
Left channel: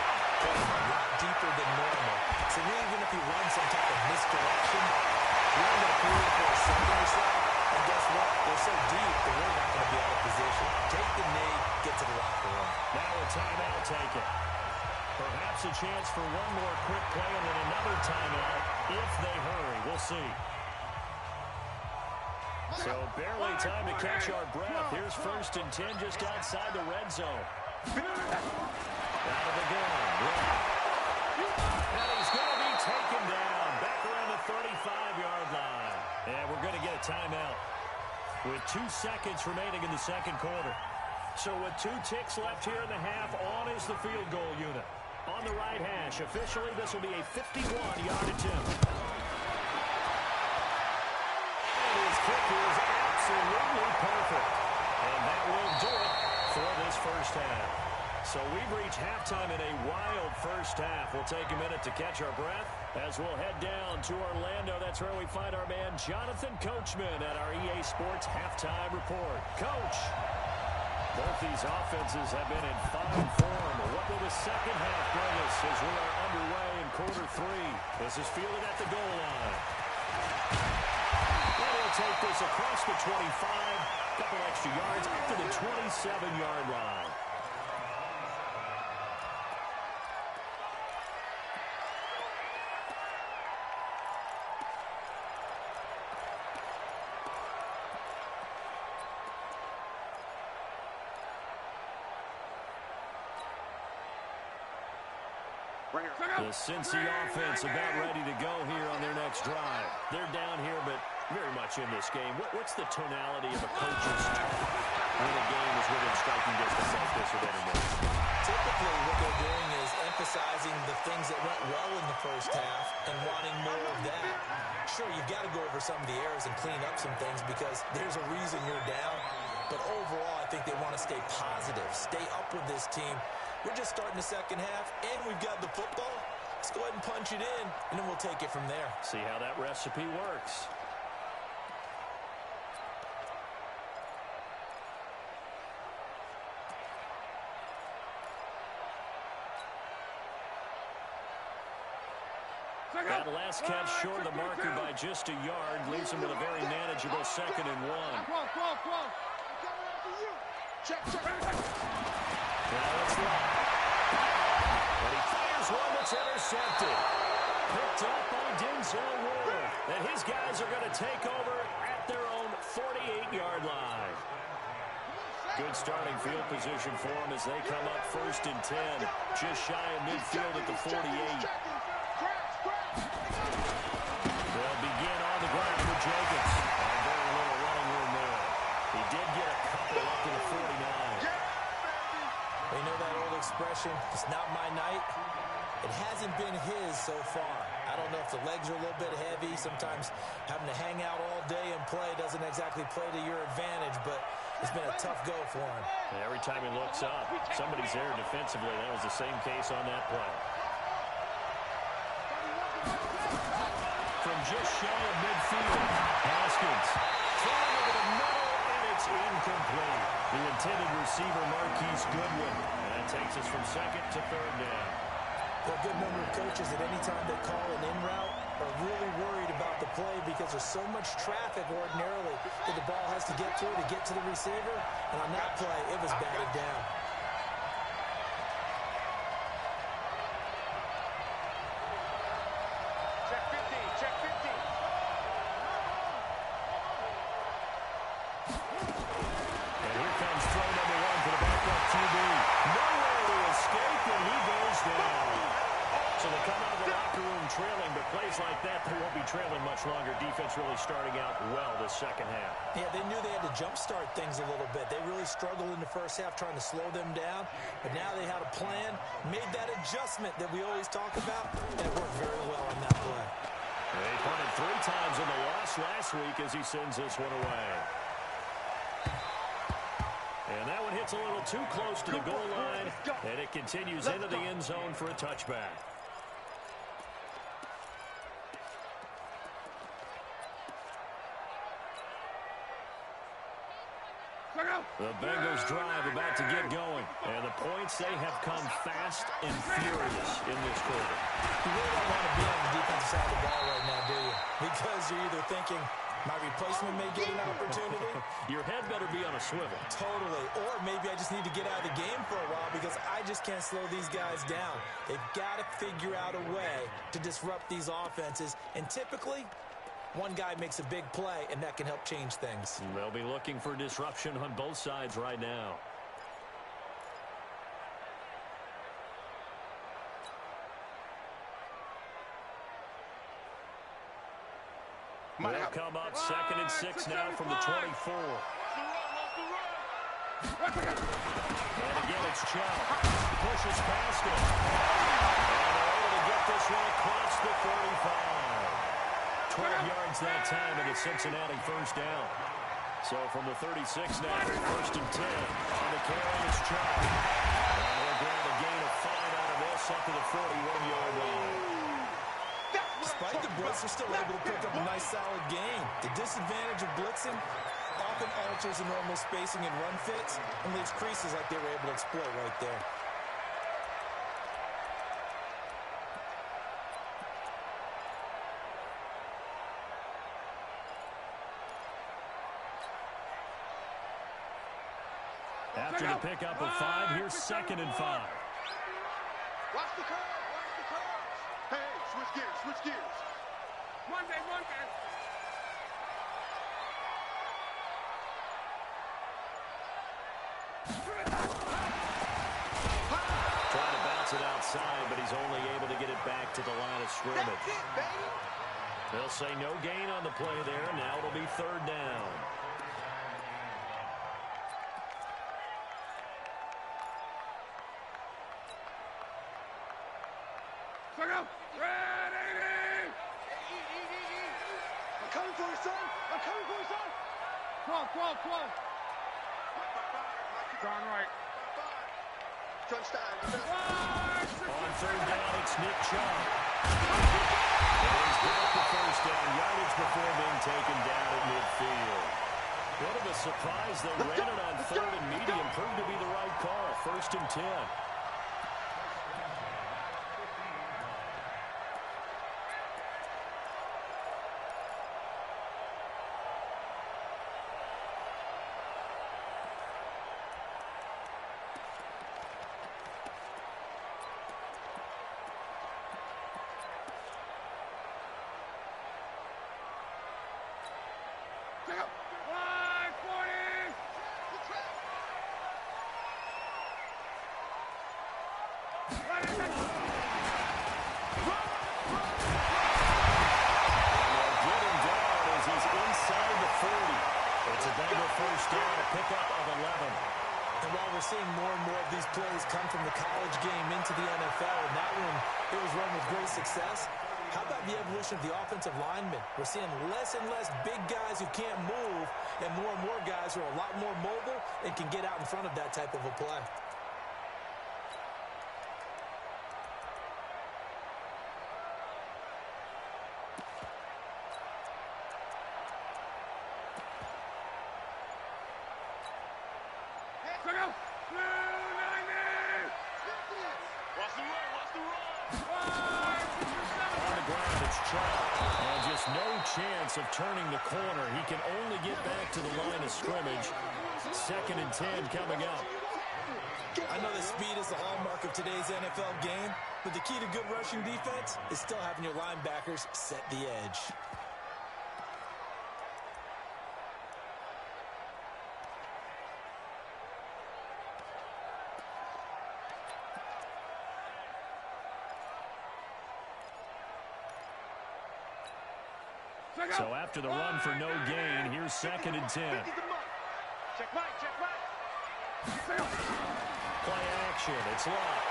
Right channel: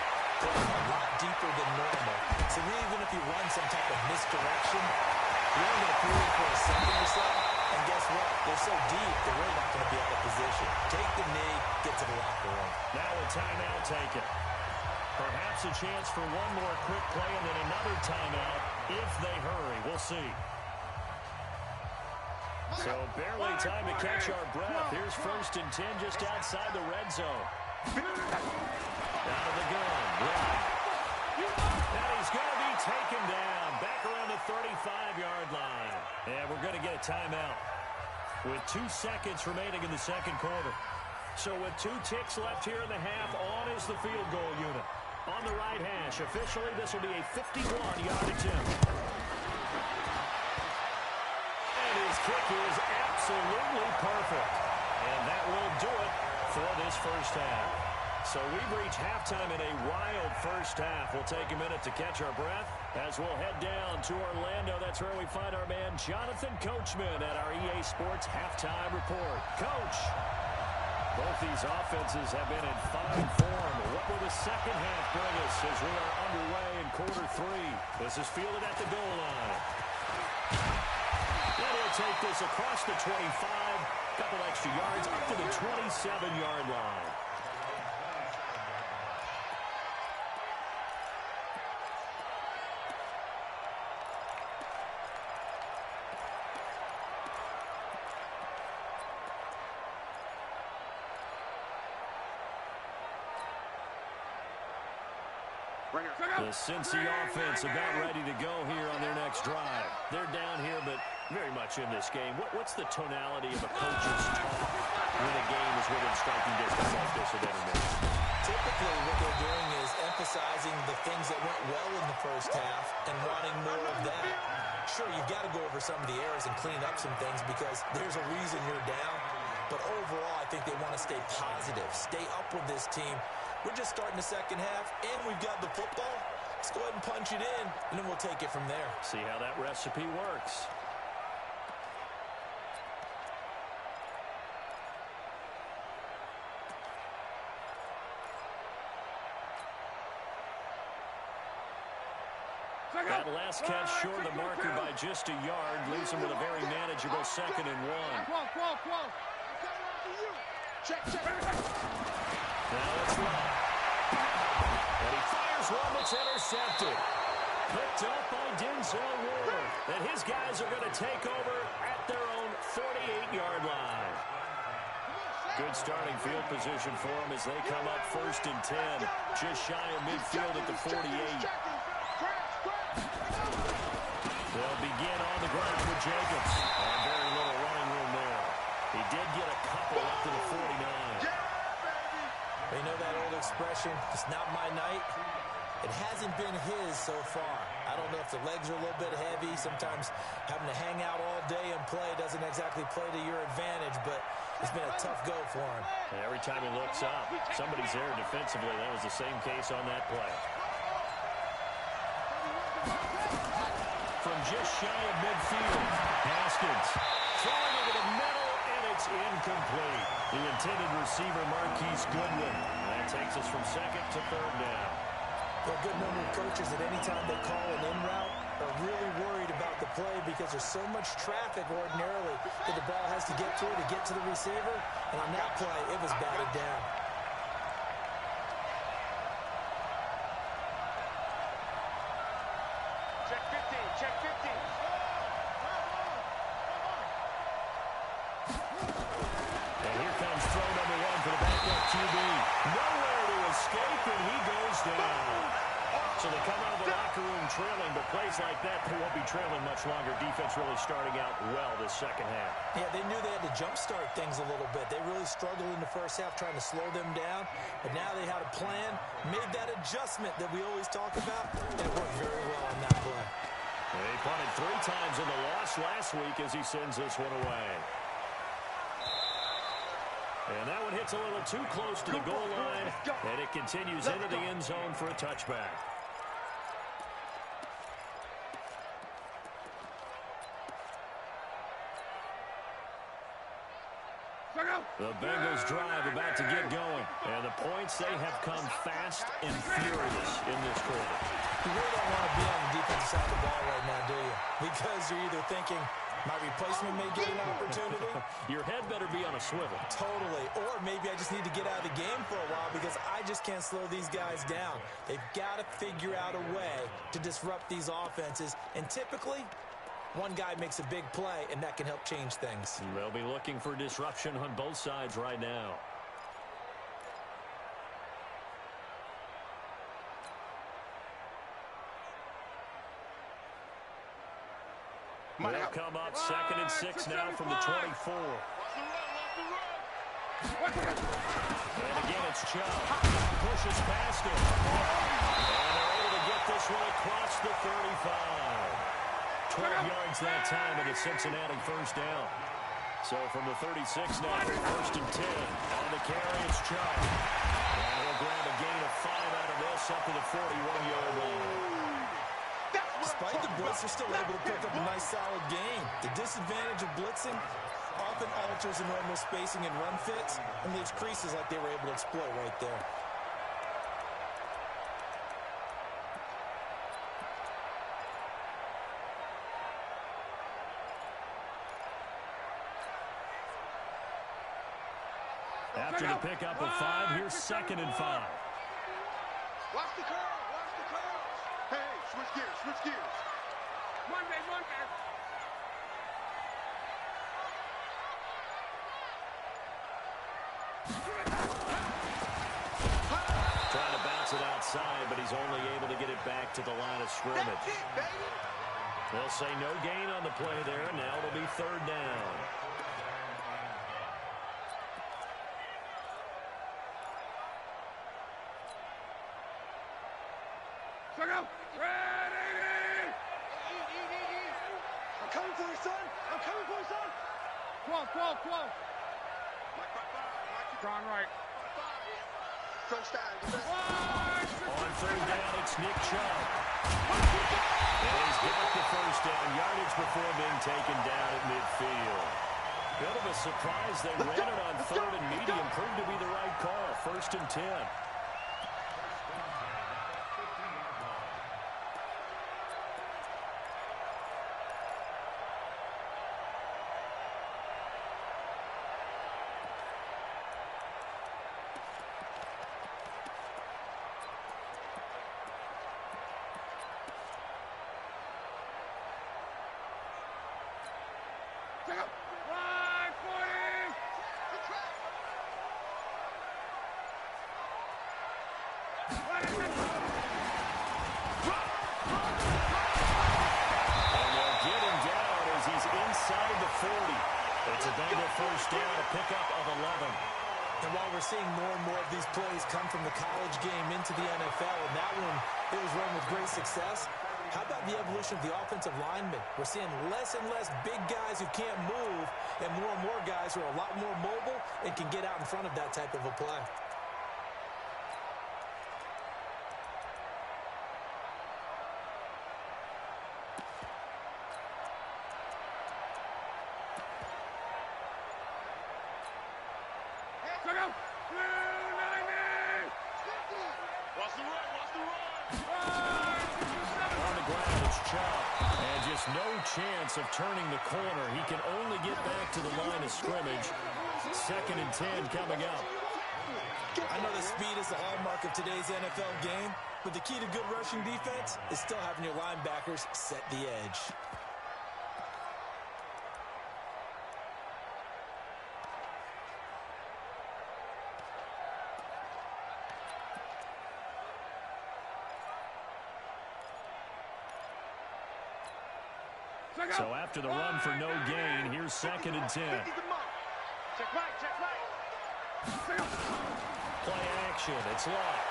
playing a lot deeper than normal. So even if you run some type of misdirection, you're only going to fool them for a second or so. And guess what? They're so deep, they're really not going to be out of position. Take the knee, get to the locker room. Now a timeout taken. Perhaps a chance for one more quick play and then another timeout if they hurry. We'll see. So barely time to catch our breath. Here's 1st and 10 just outside the red zone. Out of the gun. And he's going to be taken down. Back around the 35-yard line. And we're going to get a timeout with 2 seconds remaining in the second quarter. So with 2 ticks left here in the half, on is the field goal unit. On the right hash, officially, this will be a 51-yard attempt. And his kick is absolutely perfect. And that will do it for this first half. So we've reached halftime in a wild first half. We'll take a minute to catch our breath as we'll head down to Orlando. That's where we find our man Jonathan Coachman at our EA Sports Halftime Report. Coach, both these offenses have been in fine form. What will the second half bring us as we are underway in quarter 3? This is fielded at the goal line. And he'll take this across the 25, couple extra yards up to the 27-yard line. The Cincy offense about ready to go here on their next drive. They're down here, but very much in this game. What's the tonality of a coach's talk when a game is within striking distance like this of intermission? Typically, what they're doing is emphasizing the things that went well in the first half and wanting more of that. Sure, you've got to go over some of the errors and clean up some things because there's a reason you're down. But overall, I think they want to stay positive, stay up with this team. We're just starting the second half, and we've got the football. Let's go ahead and punch it in, and then we'll take it from there. See how that recipe works. That last catch short of the marker by just a yard leaves him with a very manageable 2nd and 1. Check. Now it's Love. And he fires one that's intercepted. Picked up by Denzel Ward. And his guys are going to take over at their own 48-yard line. Good starting field position for them as they come up 1st and 10. Just shy of midfield at the 48. They'll begin on the ground with Jacobs. And very little running room there. He did get a couple up to the 49. You know that old expression, it's not my night? It hasn't been his so far. I don't know if the legs are a little bit heavy. Sometimes having to hang out all day and play doesn't exactly play to your advantage, but it's been a tough go for him. And every time he looks up, somebody's there defensively. That was the same case on that play. From just shy of midfield, Haskins throwing over the middle, and it's incomplete. The intended receiver, Marquise Goodwin. And that takes us from 2nd to 3rd down. There are a good number of coaches that any time they call an in route are really worried about the play because there's so much traffic ordinarily that the ball has to get through to get to the receiver. And on that play, it was batted down. Check 15, check 15. And here comes throw number 1 for the backup QB. Nowhere to escape, and he goes down. So they come out of the locker room trailing, but plays like that, they won't be trailing much longer. Defense really starting out well this 2nd half. Yeah, they knew they had to jumpstart things a little bit. They really struggled in the 1st half trying to slow them down, but now they had a plan, made that adjustment that we always talk about, and it worked very well on that play. They punted 3 times in the loss last week as he sends this one away. And that one hits a little too close to the goal line, and it continues into the end zone for a touchback. The Bengals drive about to get going, and the points, they have come fast and furious in this quarter. You really don't want to be on the defensive side of the ball right now, do you? Because you're either thinking, my replacement may get an opportunity. Your head better be on a swivel. Totally. Or maybe I just need to get out of the game for a while because I just can't slow these guys down. They've got to figure out a way to disrupt these offenses. And typically, one guy makes a big play, and that can help change things. They'll be looking for disruption on both sides right now. They'll come up 2nd and 6 now from the 24. And again, it's Chubb. Pushes past him. And they're able to get this one across the 35. 12 yards that time, and it's Cincinnati 1st down. So from the 36 now, 1st and 10. On the carry, it's Chubb. And he'll grab a gain of 5 out of this up to the 41-yard line. Despite the blitz, they're still able to pick up a nice, solid gain. The disadvantage of blitzing often alters the normal spacing and run fits and leaves creases like they were able to exploit right there. After the pickup of 5, here's 2nd and 5. Watch the curl, watch the curls. Hey, switch gears, switch gears. Monday. Trying to bounce it outside, but he's only able to get it back to the line of scrimmage. That's it, baby. They'll say no gain on the play there, and now it'll be 3rd down. I'm coming for you, son. I'm coming for you, son. Quo. Mike, bye. Mike, John Wright. bye. Touchdown. On third down, it's Nick Chubb. And he's got the first down yardage before being taken down at midfield. Bit of a surprise. They ran it on third and medium. Proved to be the right call. 1st and 10. It's a Bengal first down, a pickup of 11. And while we're seeing more and more of these plays come from the college game into the NFL, and that one, it was run with great success, how about the evolution of the offensive linemen? We're seeing less and less big guys who can't move, and more guys who are a lot more mobile and can get out in front of that type of a play. Chance of turning the corner. He can only get back to the line of scrimmage. 2nd and 10 coming up. I know that speed is the hallmark of today's NFL game, but the key to good rushing defense is still having your linebackers set the edge. So after the run for no gain, here's 2nd and 10. Check right. Play action. It's locked.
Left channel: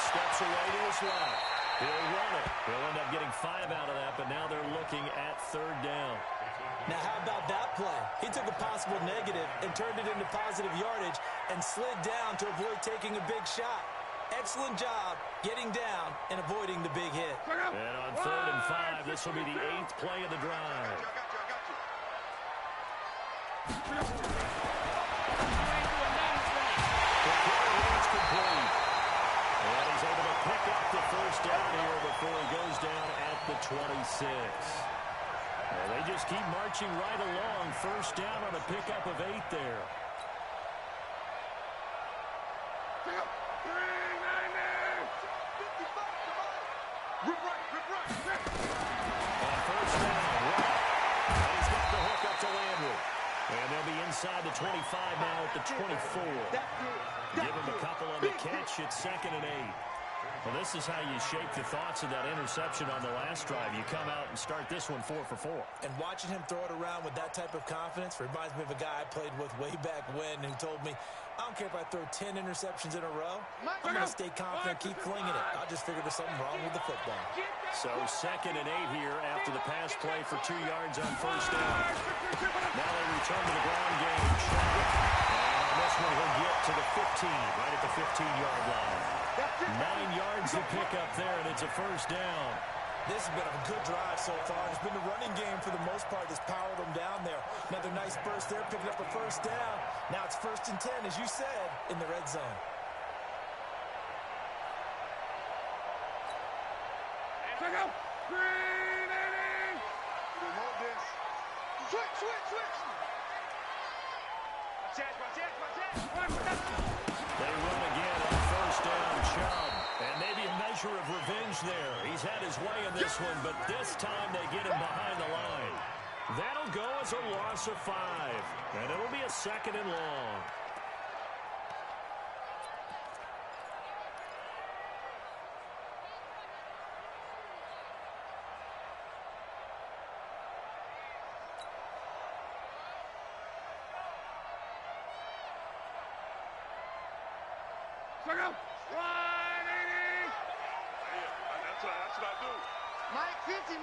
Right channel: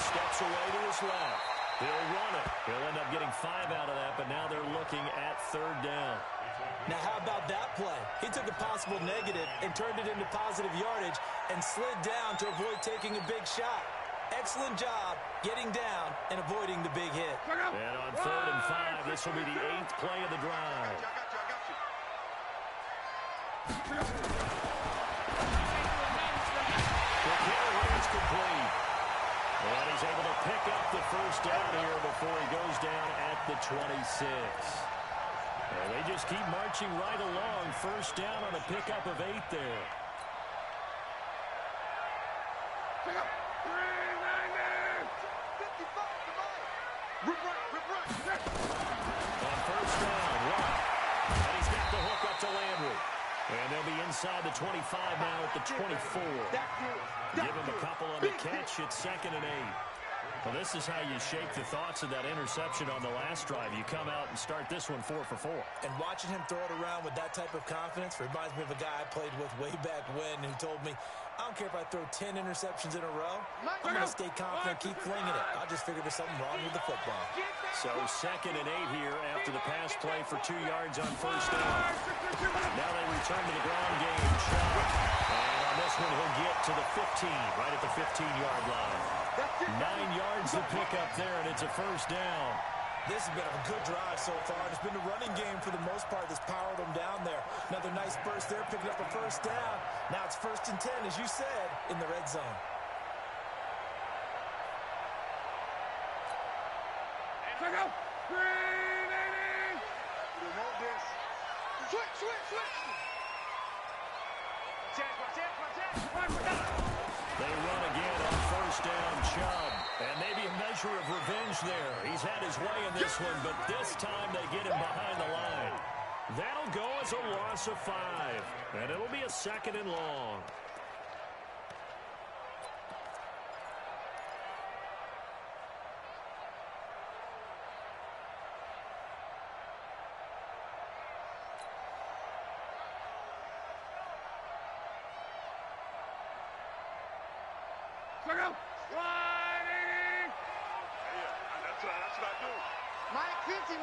Steps away to his left. He'll run it. He'll end up getting 5 out of that, but now they're looking at 3rd down. Now, how about that play? He took a possible negative and turned it into positive yardage and slid down to avoid taking a big shot. Excellent job getting down and avoiding the big hit. And on 3rd and 5, this will be the 8th play of the drive. I got you. The carry is complete. And he's able to pick up the first down here before he goes down at the 26. And they just keep marching right along. First down on a pickup of 8 there. Rip right. On first down, right. And he's got the hook up to Landry. And they'll be inside the 25 now at the 24. Give him a couple on the catch. It's 2nd and 8. Well, this is how you shake the thoughts of that interception on the last drive. You come out and start this one 4 for 4. And watching him throw it around with that type of confidence reminds me of a guy I played with way back when who told me, I don't care if I throw 10 interceptions in a row. I'm going to stay confident, keep flinging it. I just figured there's something wrong with the football. So 2nd and 8 here after the pass play for 2 yards on first down. Now they return to the ground game. And on this one, he'll get to the 15, right at the 15-yard line. 9 yards to pick up there, and it's a first down. This has been a good drive so far. It's been the running game for the most part that's powered them down there. Another nice burst there, picking up a first down. Now it's 1st and 10, as you said, in the red zone. Check out. Green 80. We want this. Switch. Watch it. They run again on first down, Chubb. And maybe a measure of revenge there. He's had his way in this one, but this time they get him behind the line. That'll go as a loss of 5. And it'll be a 2nd and long. Check out. 180. Yeah, that's what I do. Mike 50.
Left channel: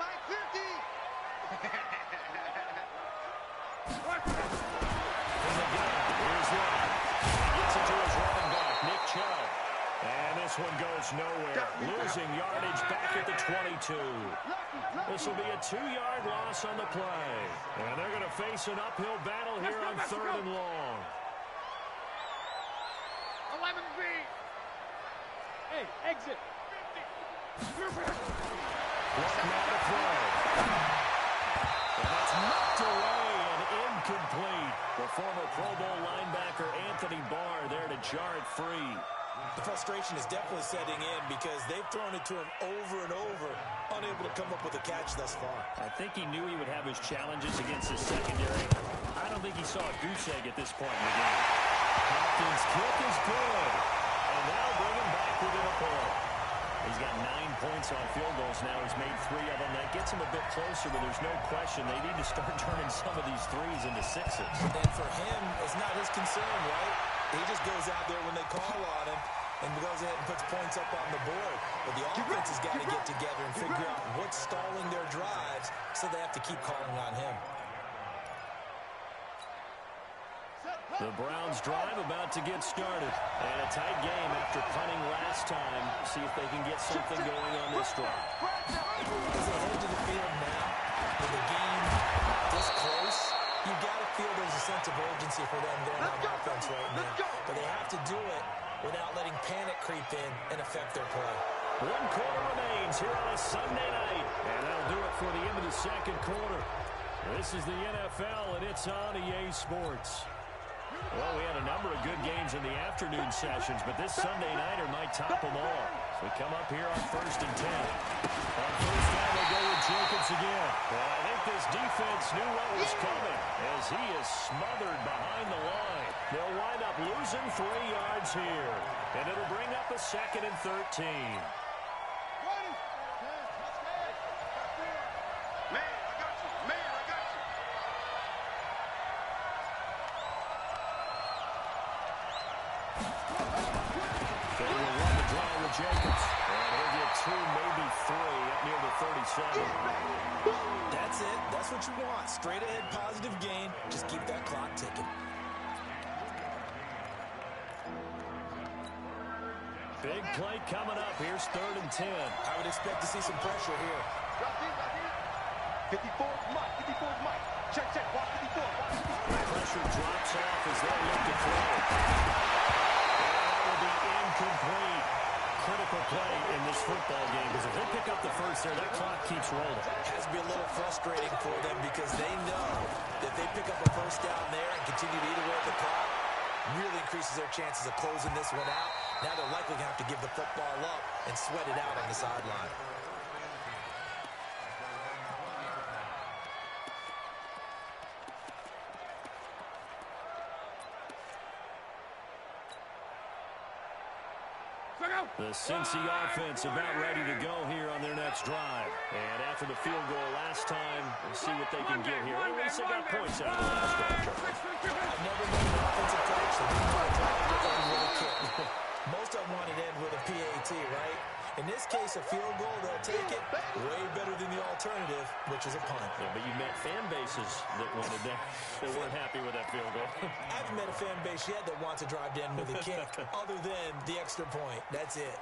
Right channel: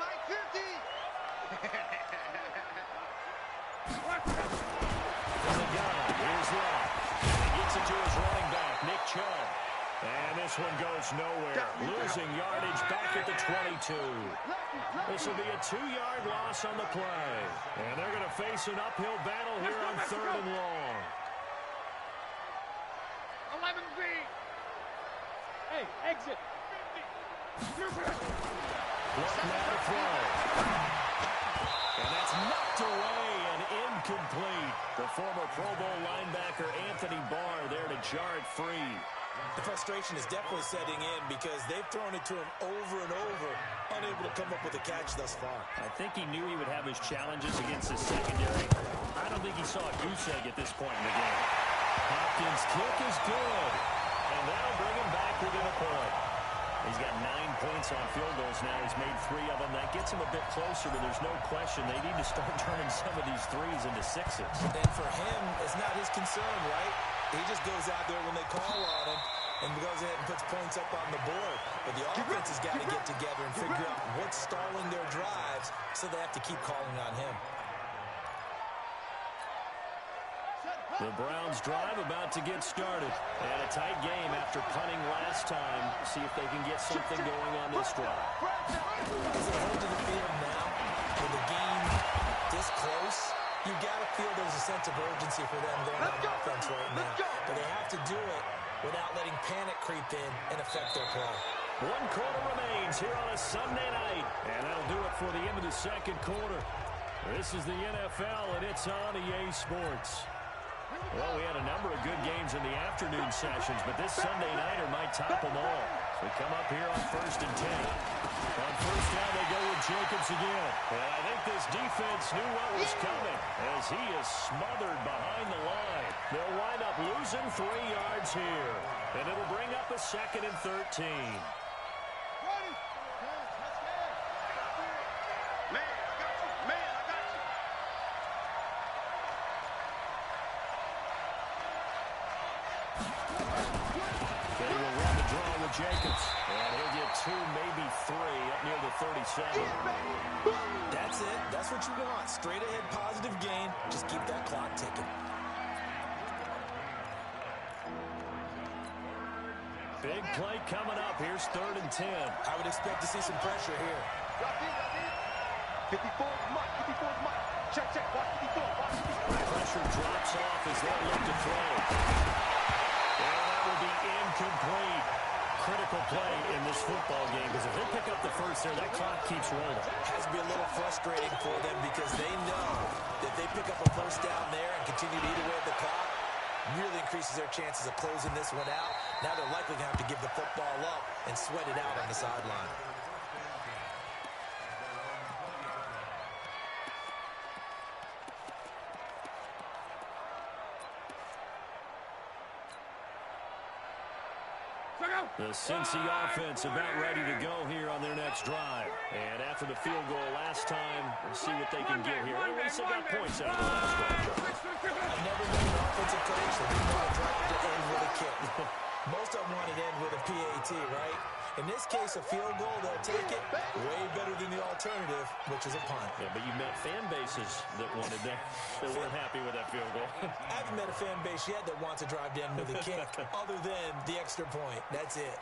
From the gun, here's Love. to his running back, Nick Chubb. And this one goes nowhere. Losing yardage back at the 22. This will be a 2-yard loss on the play. And they're going to face an uphill battle here on 3rd and long. 11 feet. Hey, exit. 50. Looking now to throw. And that's knocked away and incomplete. The former Pro Bowl linebacker Anthony Barr there to jar it free. The frustration is definitely setting in because they've thrown it to him over and over, unable to come up with a catch thus far. I think he knew he would have his challenges against his secondary. I don't think he saw a goose egg at this point in the game. Hopkins' kick is good. And that'll bring him back within a point. He's got 9 points on field goals now. He's made 3 of them. That gets him a bit closer, but there's no question they need to start turning some of these threes into 6s. And for him, it's not his concern, right? He just goes out there when they call on him and goes ahead and puts points up on the board. But the offense has got to get together and figure out what's stalling their drives, so they have to keep calling on him. The Browns drive about to get started. And a tight game after punting last time. See if they can get something going on this drive. As they head to the field now, with the game this close, you got to feel there's a sense of urgency for them there on offense right now. But they have to do it without letting panic creep in and affect their play. 1 quarter remains here on a Sunday night. And that'll do it for the end of the 2nd quarter. This is the NFL, and it's on EA Sports. Well, we had a number of good games in the afternoon sessions, but this Sunday nighter might top them all. So we come up here on 1st and 10. On 1st down, they go with Jacobs again. And I think this defense knew what was coming as he is smothered behind the line. They'll wind up losing 3 yards here. And it'll bring up a 2nd and 13. They will run the draw with Jacobs. And he'll get 2, maybe 3 up near the 37. That's it. That's what you want. Straight ahead positive gain. Just keep that clock ticking. Big play coming up. Here's 3rd and 10. I would expect to see some pressure here. 54's Mike. 54's Mike. Check. Watch 54. Watch 54. Pressure drops off as they look to throw. And that will be incomplete. Critical play in this football game because if they pick up the first there, that clock keeps rolling. Has to be a little frustrating for them because they know that if they pick up a first down there and continue to eat away at the clock, really increases their chances of closing this one out. Now they're likely going to have to give the football up and sweat it out on the sideline. The Cincy offense about ready to go here on their next drive. And after the field goal last time, we'll see what they can get here. At least they got points out of the last drive. I've never been an offensive coach that didn't want to try to end with a kick. Most of them want to end with a PAT, right? In this case, a field goal, they'll take it. Way better than the alternative, which is a punt. Yeah, but you met fan bases that wanted that, that weren't happy with that field goal. I haven't met a fan base yet that wants to drive to end with a kick, other than the extra point. That's it.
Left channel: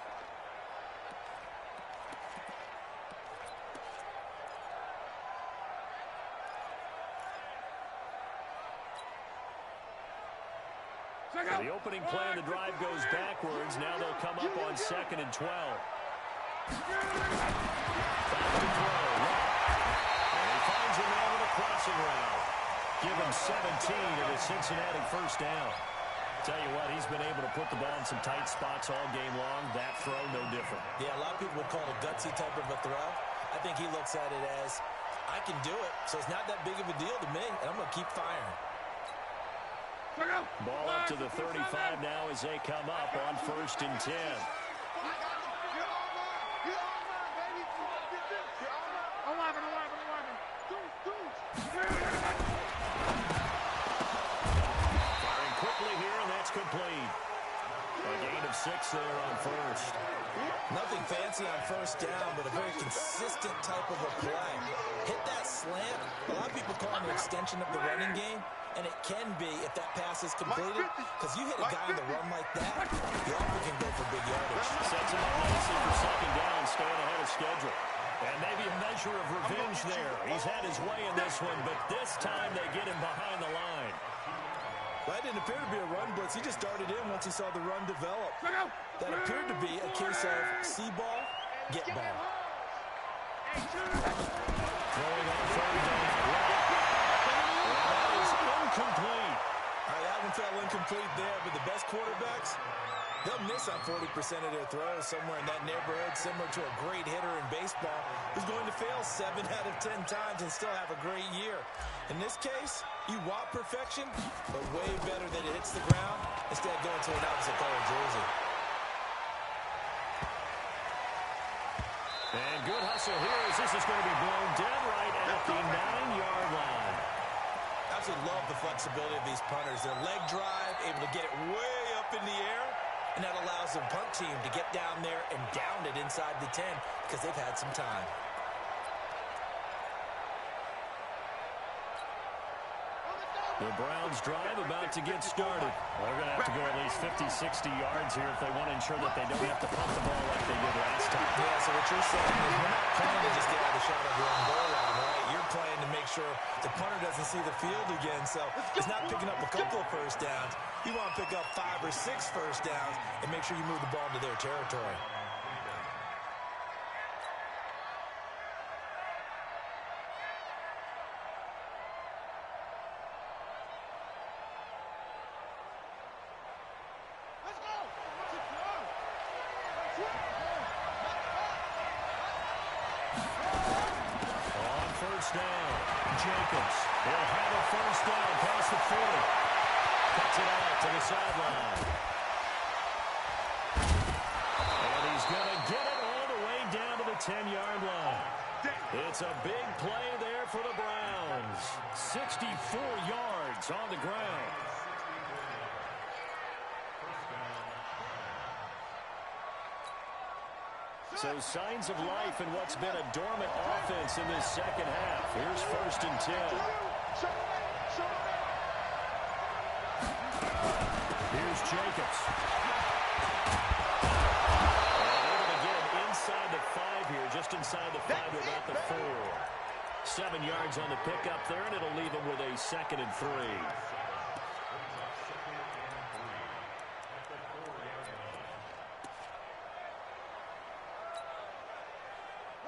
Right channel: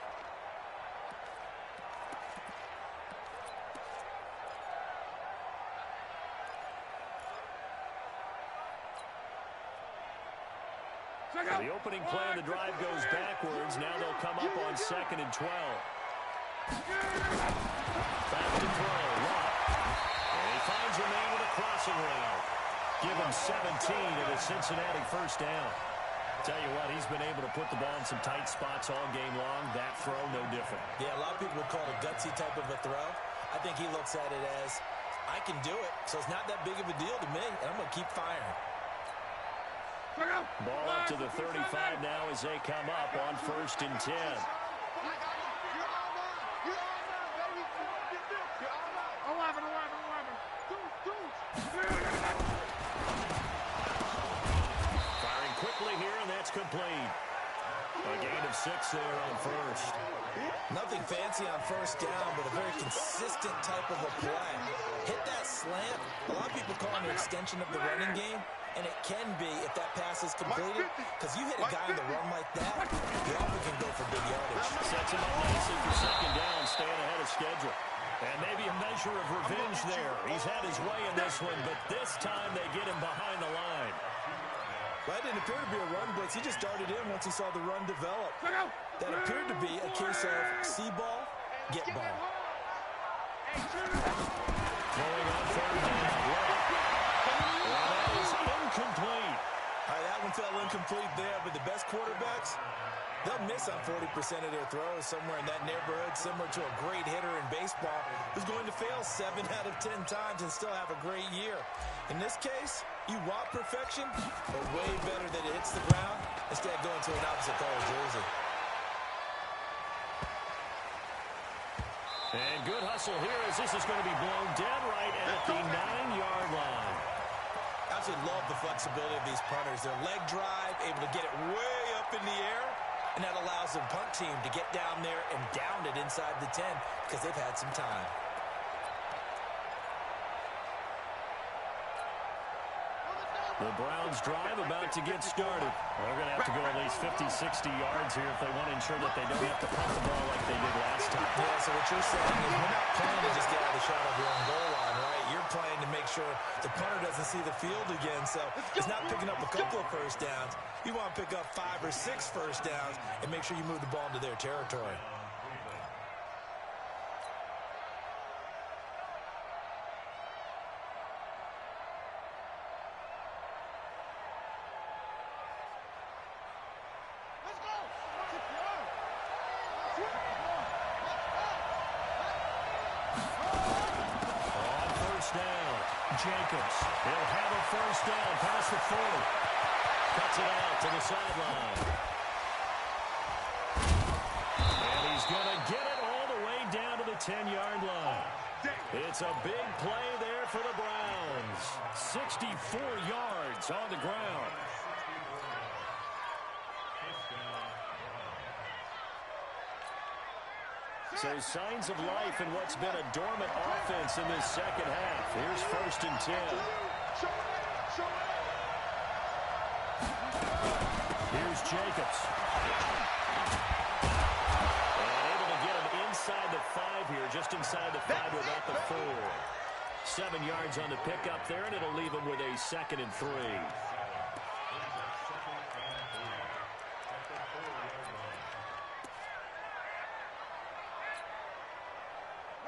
The opening play of the drive goes backwards. Now they'll come up on 2nd and 12. Back to throw. Watt. And he finds a man with a crossing route. Give him 17 at a Cincinnati first down. Tell you what, he's been able to put the ball in some tight spots all game long. That throw, no different. Yeah, a lot of people would call it a gutsy type of a throw. I think he looks at it as, I can do it, so it's not that big of a deal to me, and I'm going to keep firing. Ball up to the 35 now as they come up on 1st and 10. Firing quickly here, and that's complete. A gain of 6 there on first. Nothing fancy on first down, but a very consistent type of a play. Hit that slant. A lot of people call it an extension of the running game, and it can be if that pass is completed, because you hit a guy on the run like that, he often can go for big yardage. Sets him up nicely for second down, staying ahead of schedule. And maybe a measure of revenge there. He's had his way in this one, but this time they get him behind the line. Well, that didn't appear to be a run blitz. He just darted in once he saw the run develop. That appeared to be a case of see ball, get ball. Throwing on third down. Well, that is incomplete. All right, that one fell incomplete there, but the best quarterbacks, they'll miss on 40% of their throws, somewhere in that neighborhood, similar to a great hitter in baseball who's going to fail 7 out of 10 times and still have a great year. In this case, you want perfection, but way better that it hits the ground instead of going to an opposite color jersey. And good hustle here as this is going to be blown dead right at the 9-yard line. Absolutely love the flexibility of these punters. Their leg drive, able to get it way up in the air, and that allows the punt team to get down there and down it inside the 10 because they've had some time. The Browns drive about to get started. They're going to have to go at least 50, 60 yards here if they want to ensure that they don't have to punt the ball like they did last time. Yeah, so what you're saying is we're not playing to just get out of the shot of your own goal line, right? You're playing to make sure the punter doesn't see the field again. So it's not picking up a couple of first downs. You want to pick up 5 or 6 first downs and make sure you move the ball into their territory. Jacobs. He'll have a first down past the 40. Cuts it out to the sideline. And he's going to get it all the way down to the 10-yard line. It's a big play there for the Browns. 64 yards on the ground. So signs of life in what's been a dormant offense in this second half. Here's 1st and 10. Here's Jacobs. And able to get him inside the 5 here, just inside the 5 to about the 4. 7 yards on the pickup there, and it'll leave him with a 2nd and 3.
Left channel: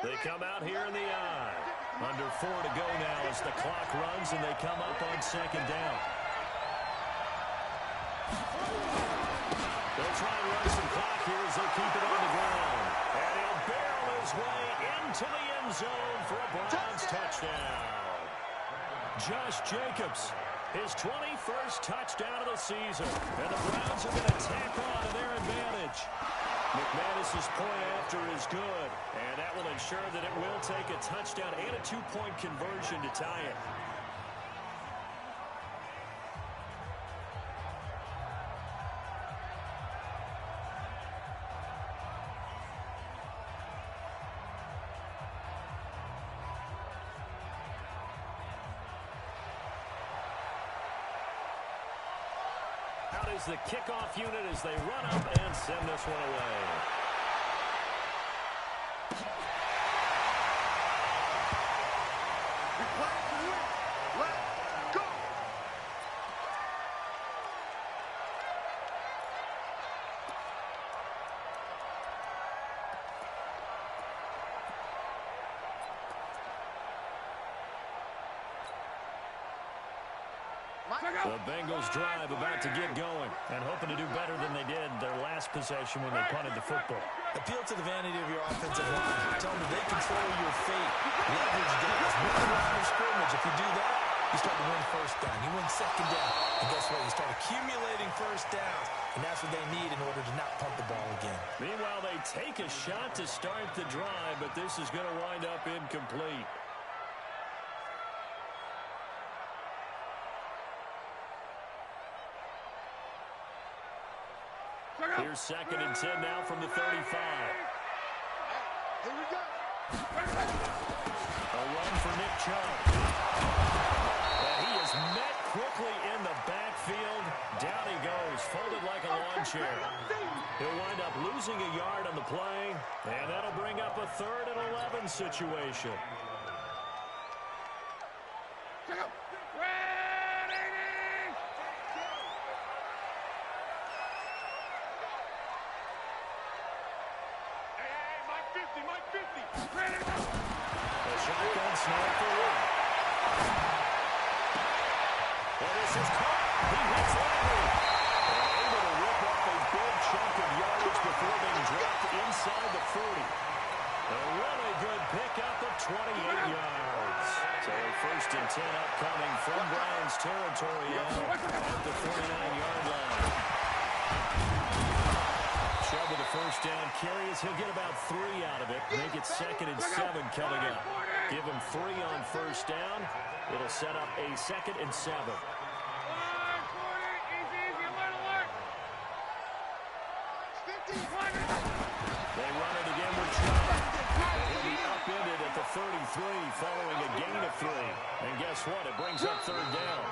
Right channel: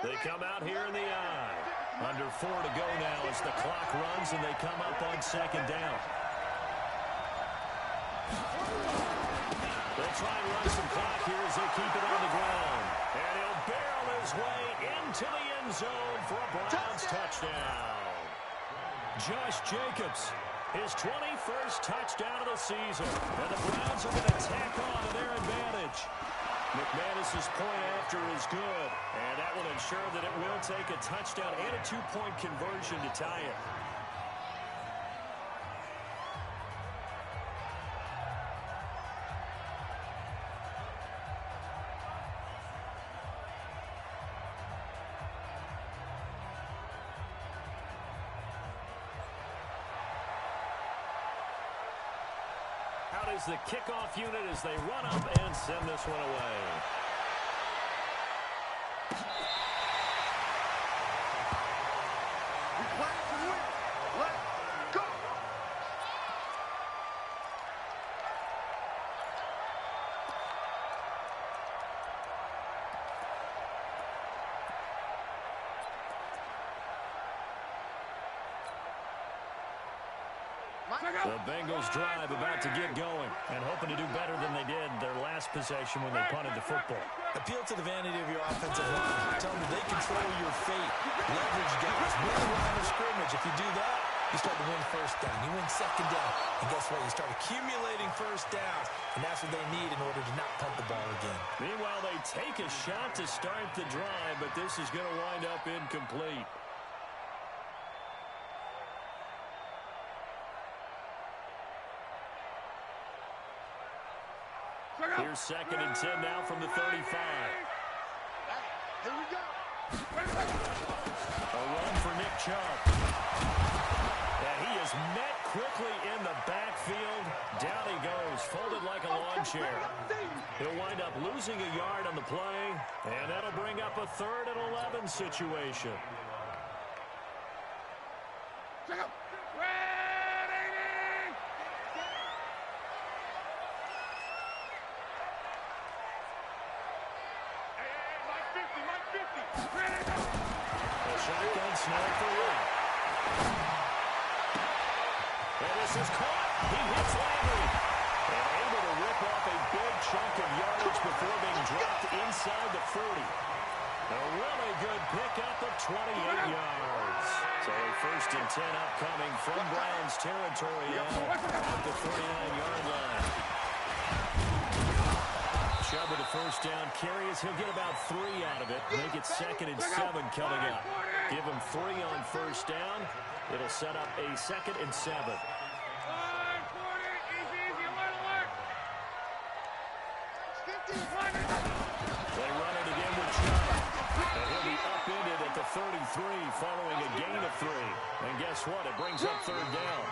They come out here in the I. Under 4 to go now as the clock runs and they come up on 2nd down. They'll try and run some clock here as they keep it on the ground. And he'll barrel his way into the end zone for a Browns touchdown. Josh Jacobs, his 21st touchdown of the season. And the Browns are going to tack on to their advantage. McManus's point after is good, and that will ensure that it will take a touchdown and a 2-point conversion to tie it. Out is the kickoff unit as they run up and send this one away. We play to win. Let's go. The Bengals drive about to get going and hoping to do better than they did their last possession when they punted the football. Appeal to the vanity of your offensive line. Tell them they control your fate. Leverage guys. Win the line of scrimmage. If you do that, you start to win first down. You win 2nd down. And guess what? You start accumulating first downs. And that's what they need in order to not punt the ball again. Meanwhile, they take a shot to start the drive, but this is going to wind up incomplete. Here's 2nd and 10 now from the 35. Hey, here we go. A run for Nick Chubb. And he is met quickly in the backfield. Down he goes, folded like a lawn chair. He'll wind up losing a yard on the play, and that'll bring up a 3rd and 11 situation. A shotgun snap for Watt. And this is caught. He hits Landry. And able to rip off a big chunk of yardage before being dropped inside the 40. A really good pickup of 28 yards. So a 1st and 10 upcoming from Browns territory now at the 49-yard line. Chubb with a 1st down carry as he'll get about 3 out of it. Make it 2nd and 7 coming up. Give him 3 on 1st down. It'll set up a 2nd and 7. They run it again with Chubb. And he'll be upended at the 33 following a gain of 3. And guess what? It brings up 3rd down.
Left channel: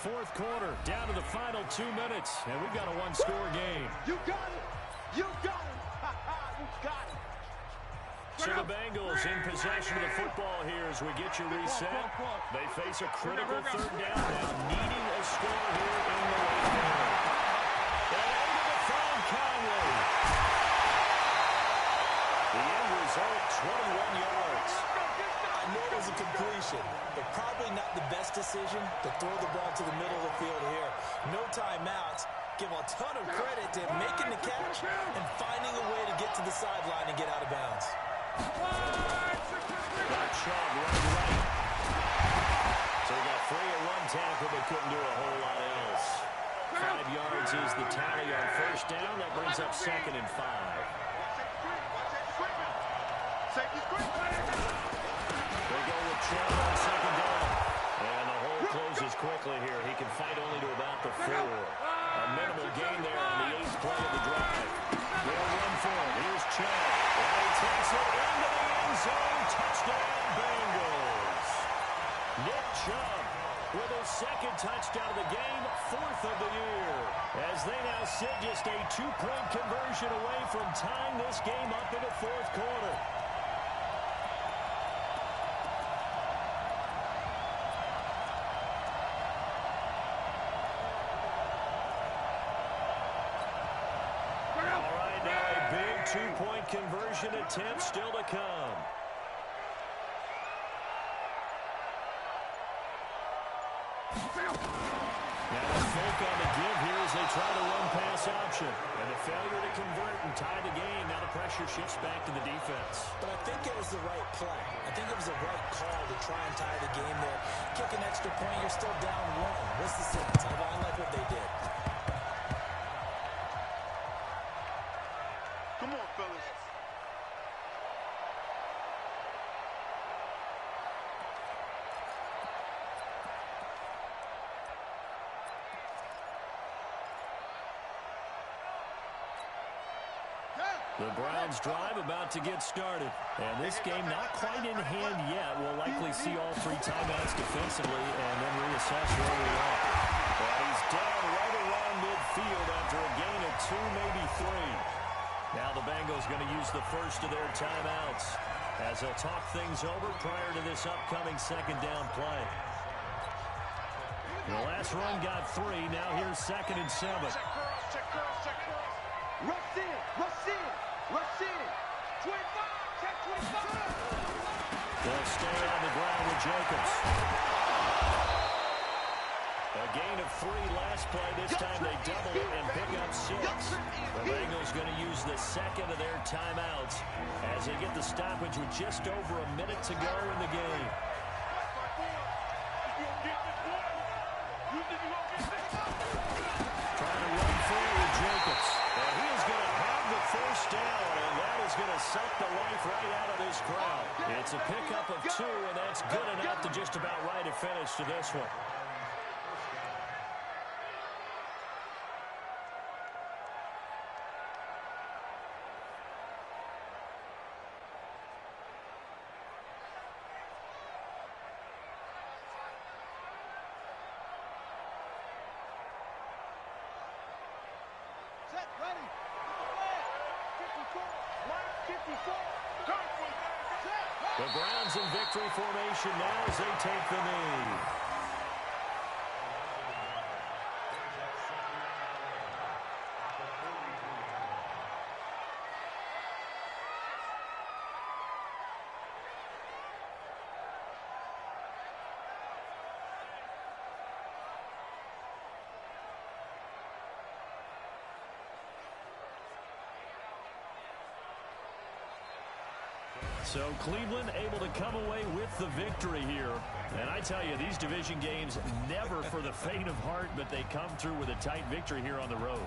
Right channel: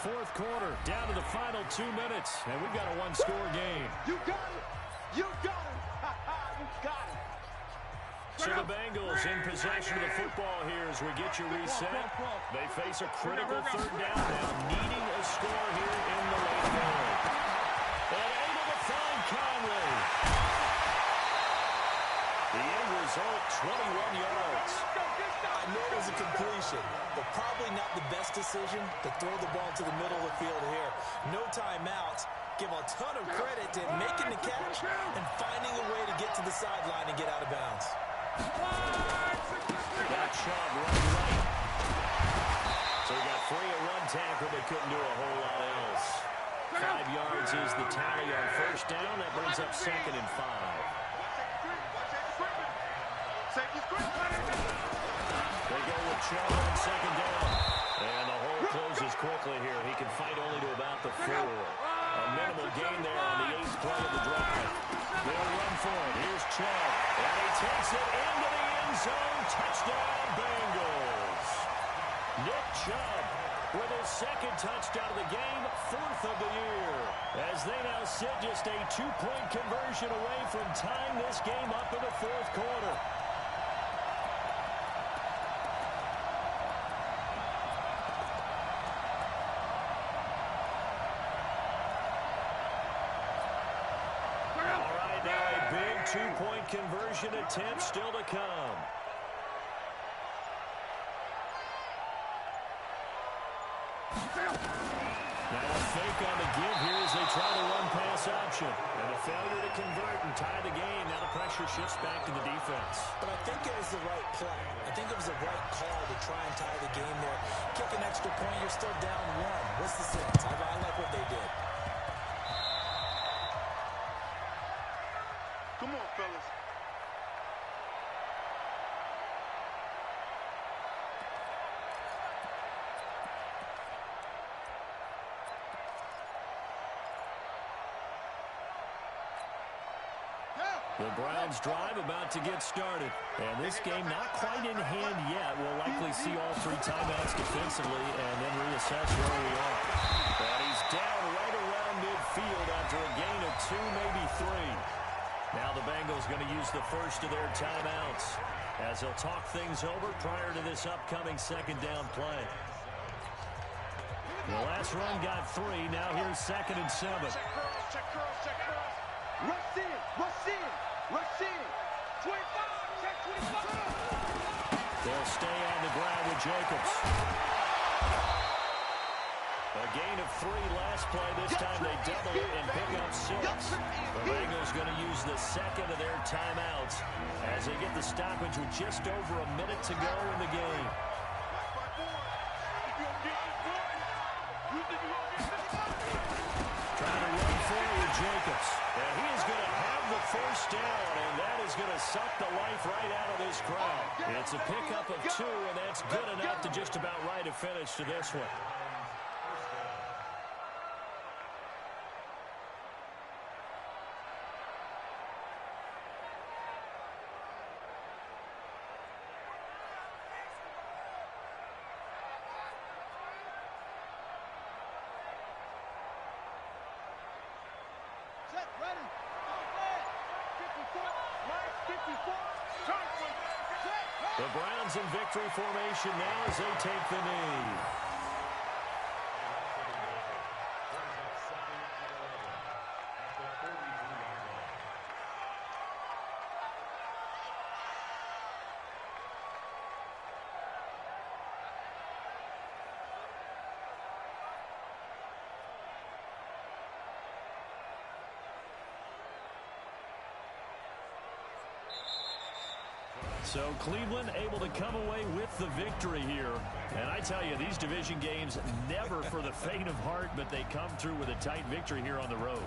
4th quarter, down to the final 2 minutes, and we've got a 1-score game. You got it. You got it. You got it. So the Bengals in possession of the football here as we get you reset. They face a critical 3rd down now, needing a score here in the late third. And able to find Conley. The end result, 21 yards. I know it was a completion, but probably not the best decision to throw the ball to the middle of the field here. No timeouts. Give a ton of credit to him making the catch and finding a way to get to the sideline and get out of bounds. Got Chubb right. So he got free at 1 tackle, but couldn't do a whole lot else. 5 yards is the tally on 1st down. That brings up 2nd and 5. They go with Chubb on 2nd down. And the hole closes quickly here. He can fight only to about the 4. A minimal gain there on the 8th play of the drive. They'll run for it. Here's Chubb. And he takes it into the end zone. Touchdown, Bengals. Nick Chubb with his 2nd touchdown of the game, 4th of the year. As they now sit just a 2-point conversion away from tying this game up in the 4th quarter. All right, now a big 2-point conversion attempt still to come. Now a fake on the give here as they try to run pass option. And a failure to convert and tie the game. Now the pressure shifts back to the defense. But I think it was the right play. I think it was the right call to try and tie the game there. Kick an extra point, you're still down 1. What's the sense? I like what they did. Come on, fellas. The Browns drive about to get started. And this game not quite in hand yet. We'll likely see all 3 timeouts defensively and then reassess where we are. And he's down right around midfield after a gain of 2, maybe 3. Now the Bengals going to use the first of their timeouts as they'll talk things over prior to this upcoming 2nd down play. The last run got 3. Now here's 2nd and 7. Check curls, check curls, check curls. Rush in, rush in, rush in. 25, check 25. They'll stay on the ground with Jacobs. A gain of 3 last play. This time they double it and pick up 6. The Bengals going to use the 2nd of their timeouts as they get the stoppage with just over a minute to go in the game. Trying to run forward, Jacobs. And he is going to have the 1st down, and that is going to suck the life right out of this crowd. It's a pickup of 2, and that's good enough to just about write a finish to this one. Ready. 54. Mike 54. The Browns in victory formation now as they take the knee. So Cleveland able to come away with the victory here. And I tell you, these division games never for the faint of heart, but they come through with a tight victory here on the road.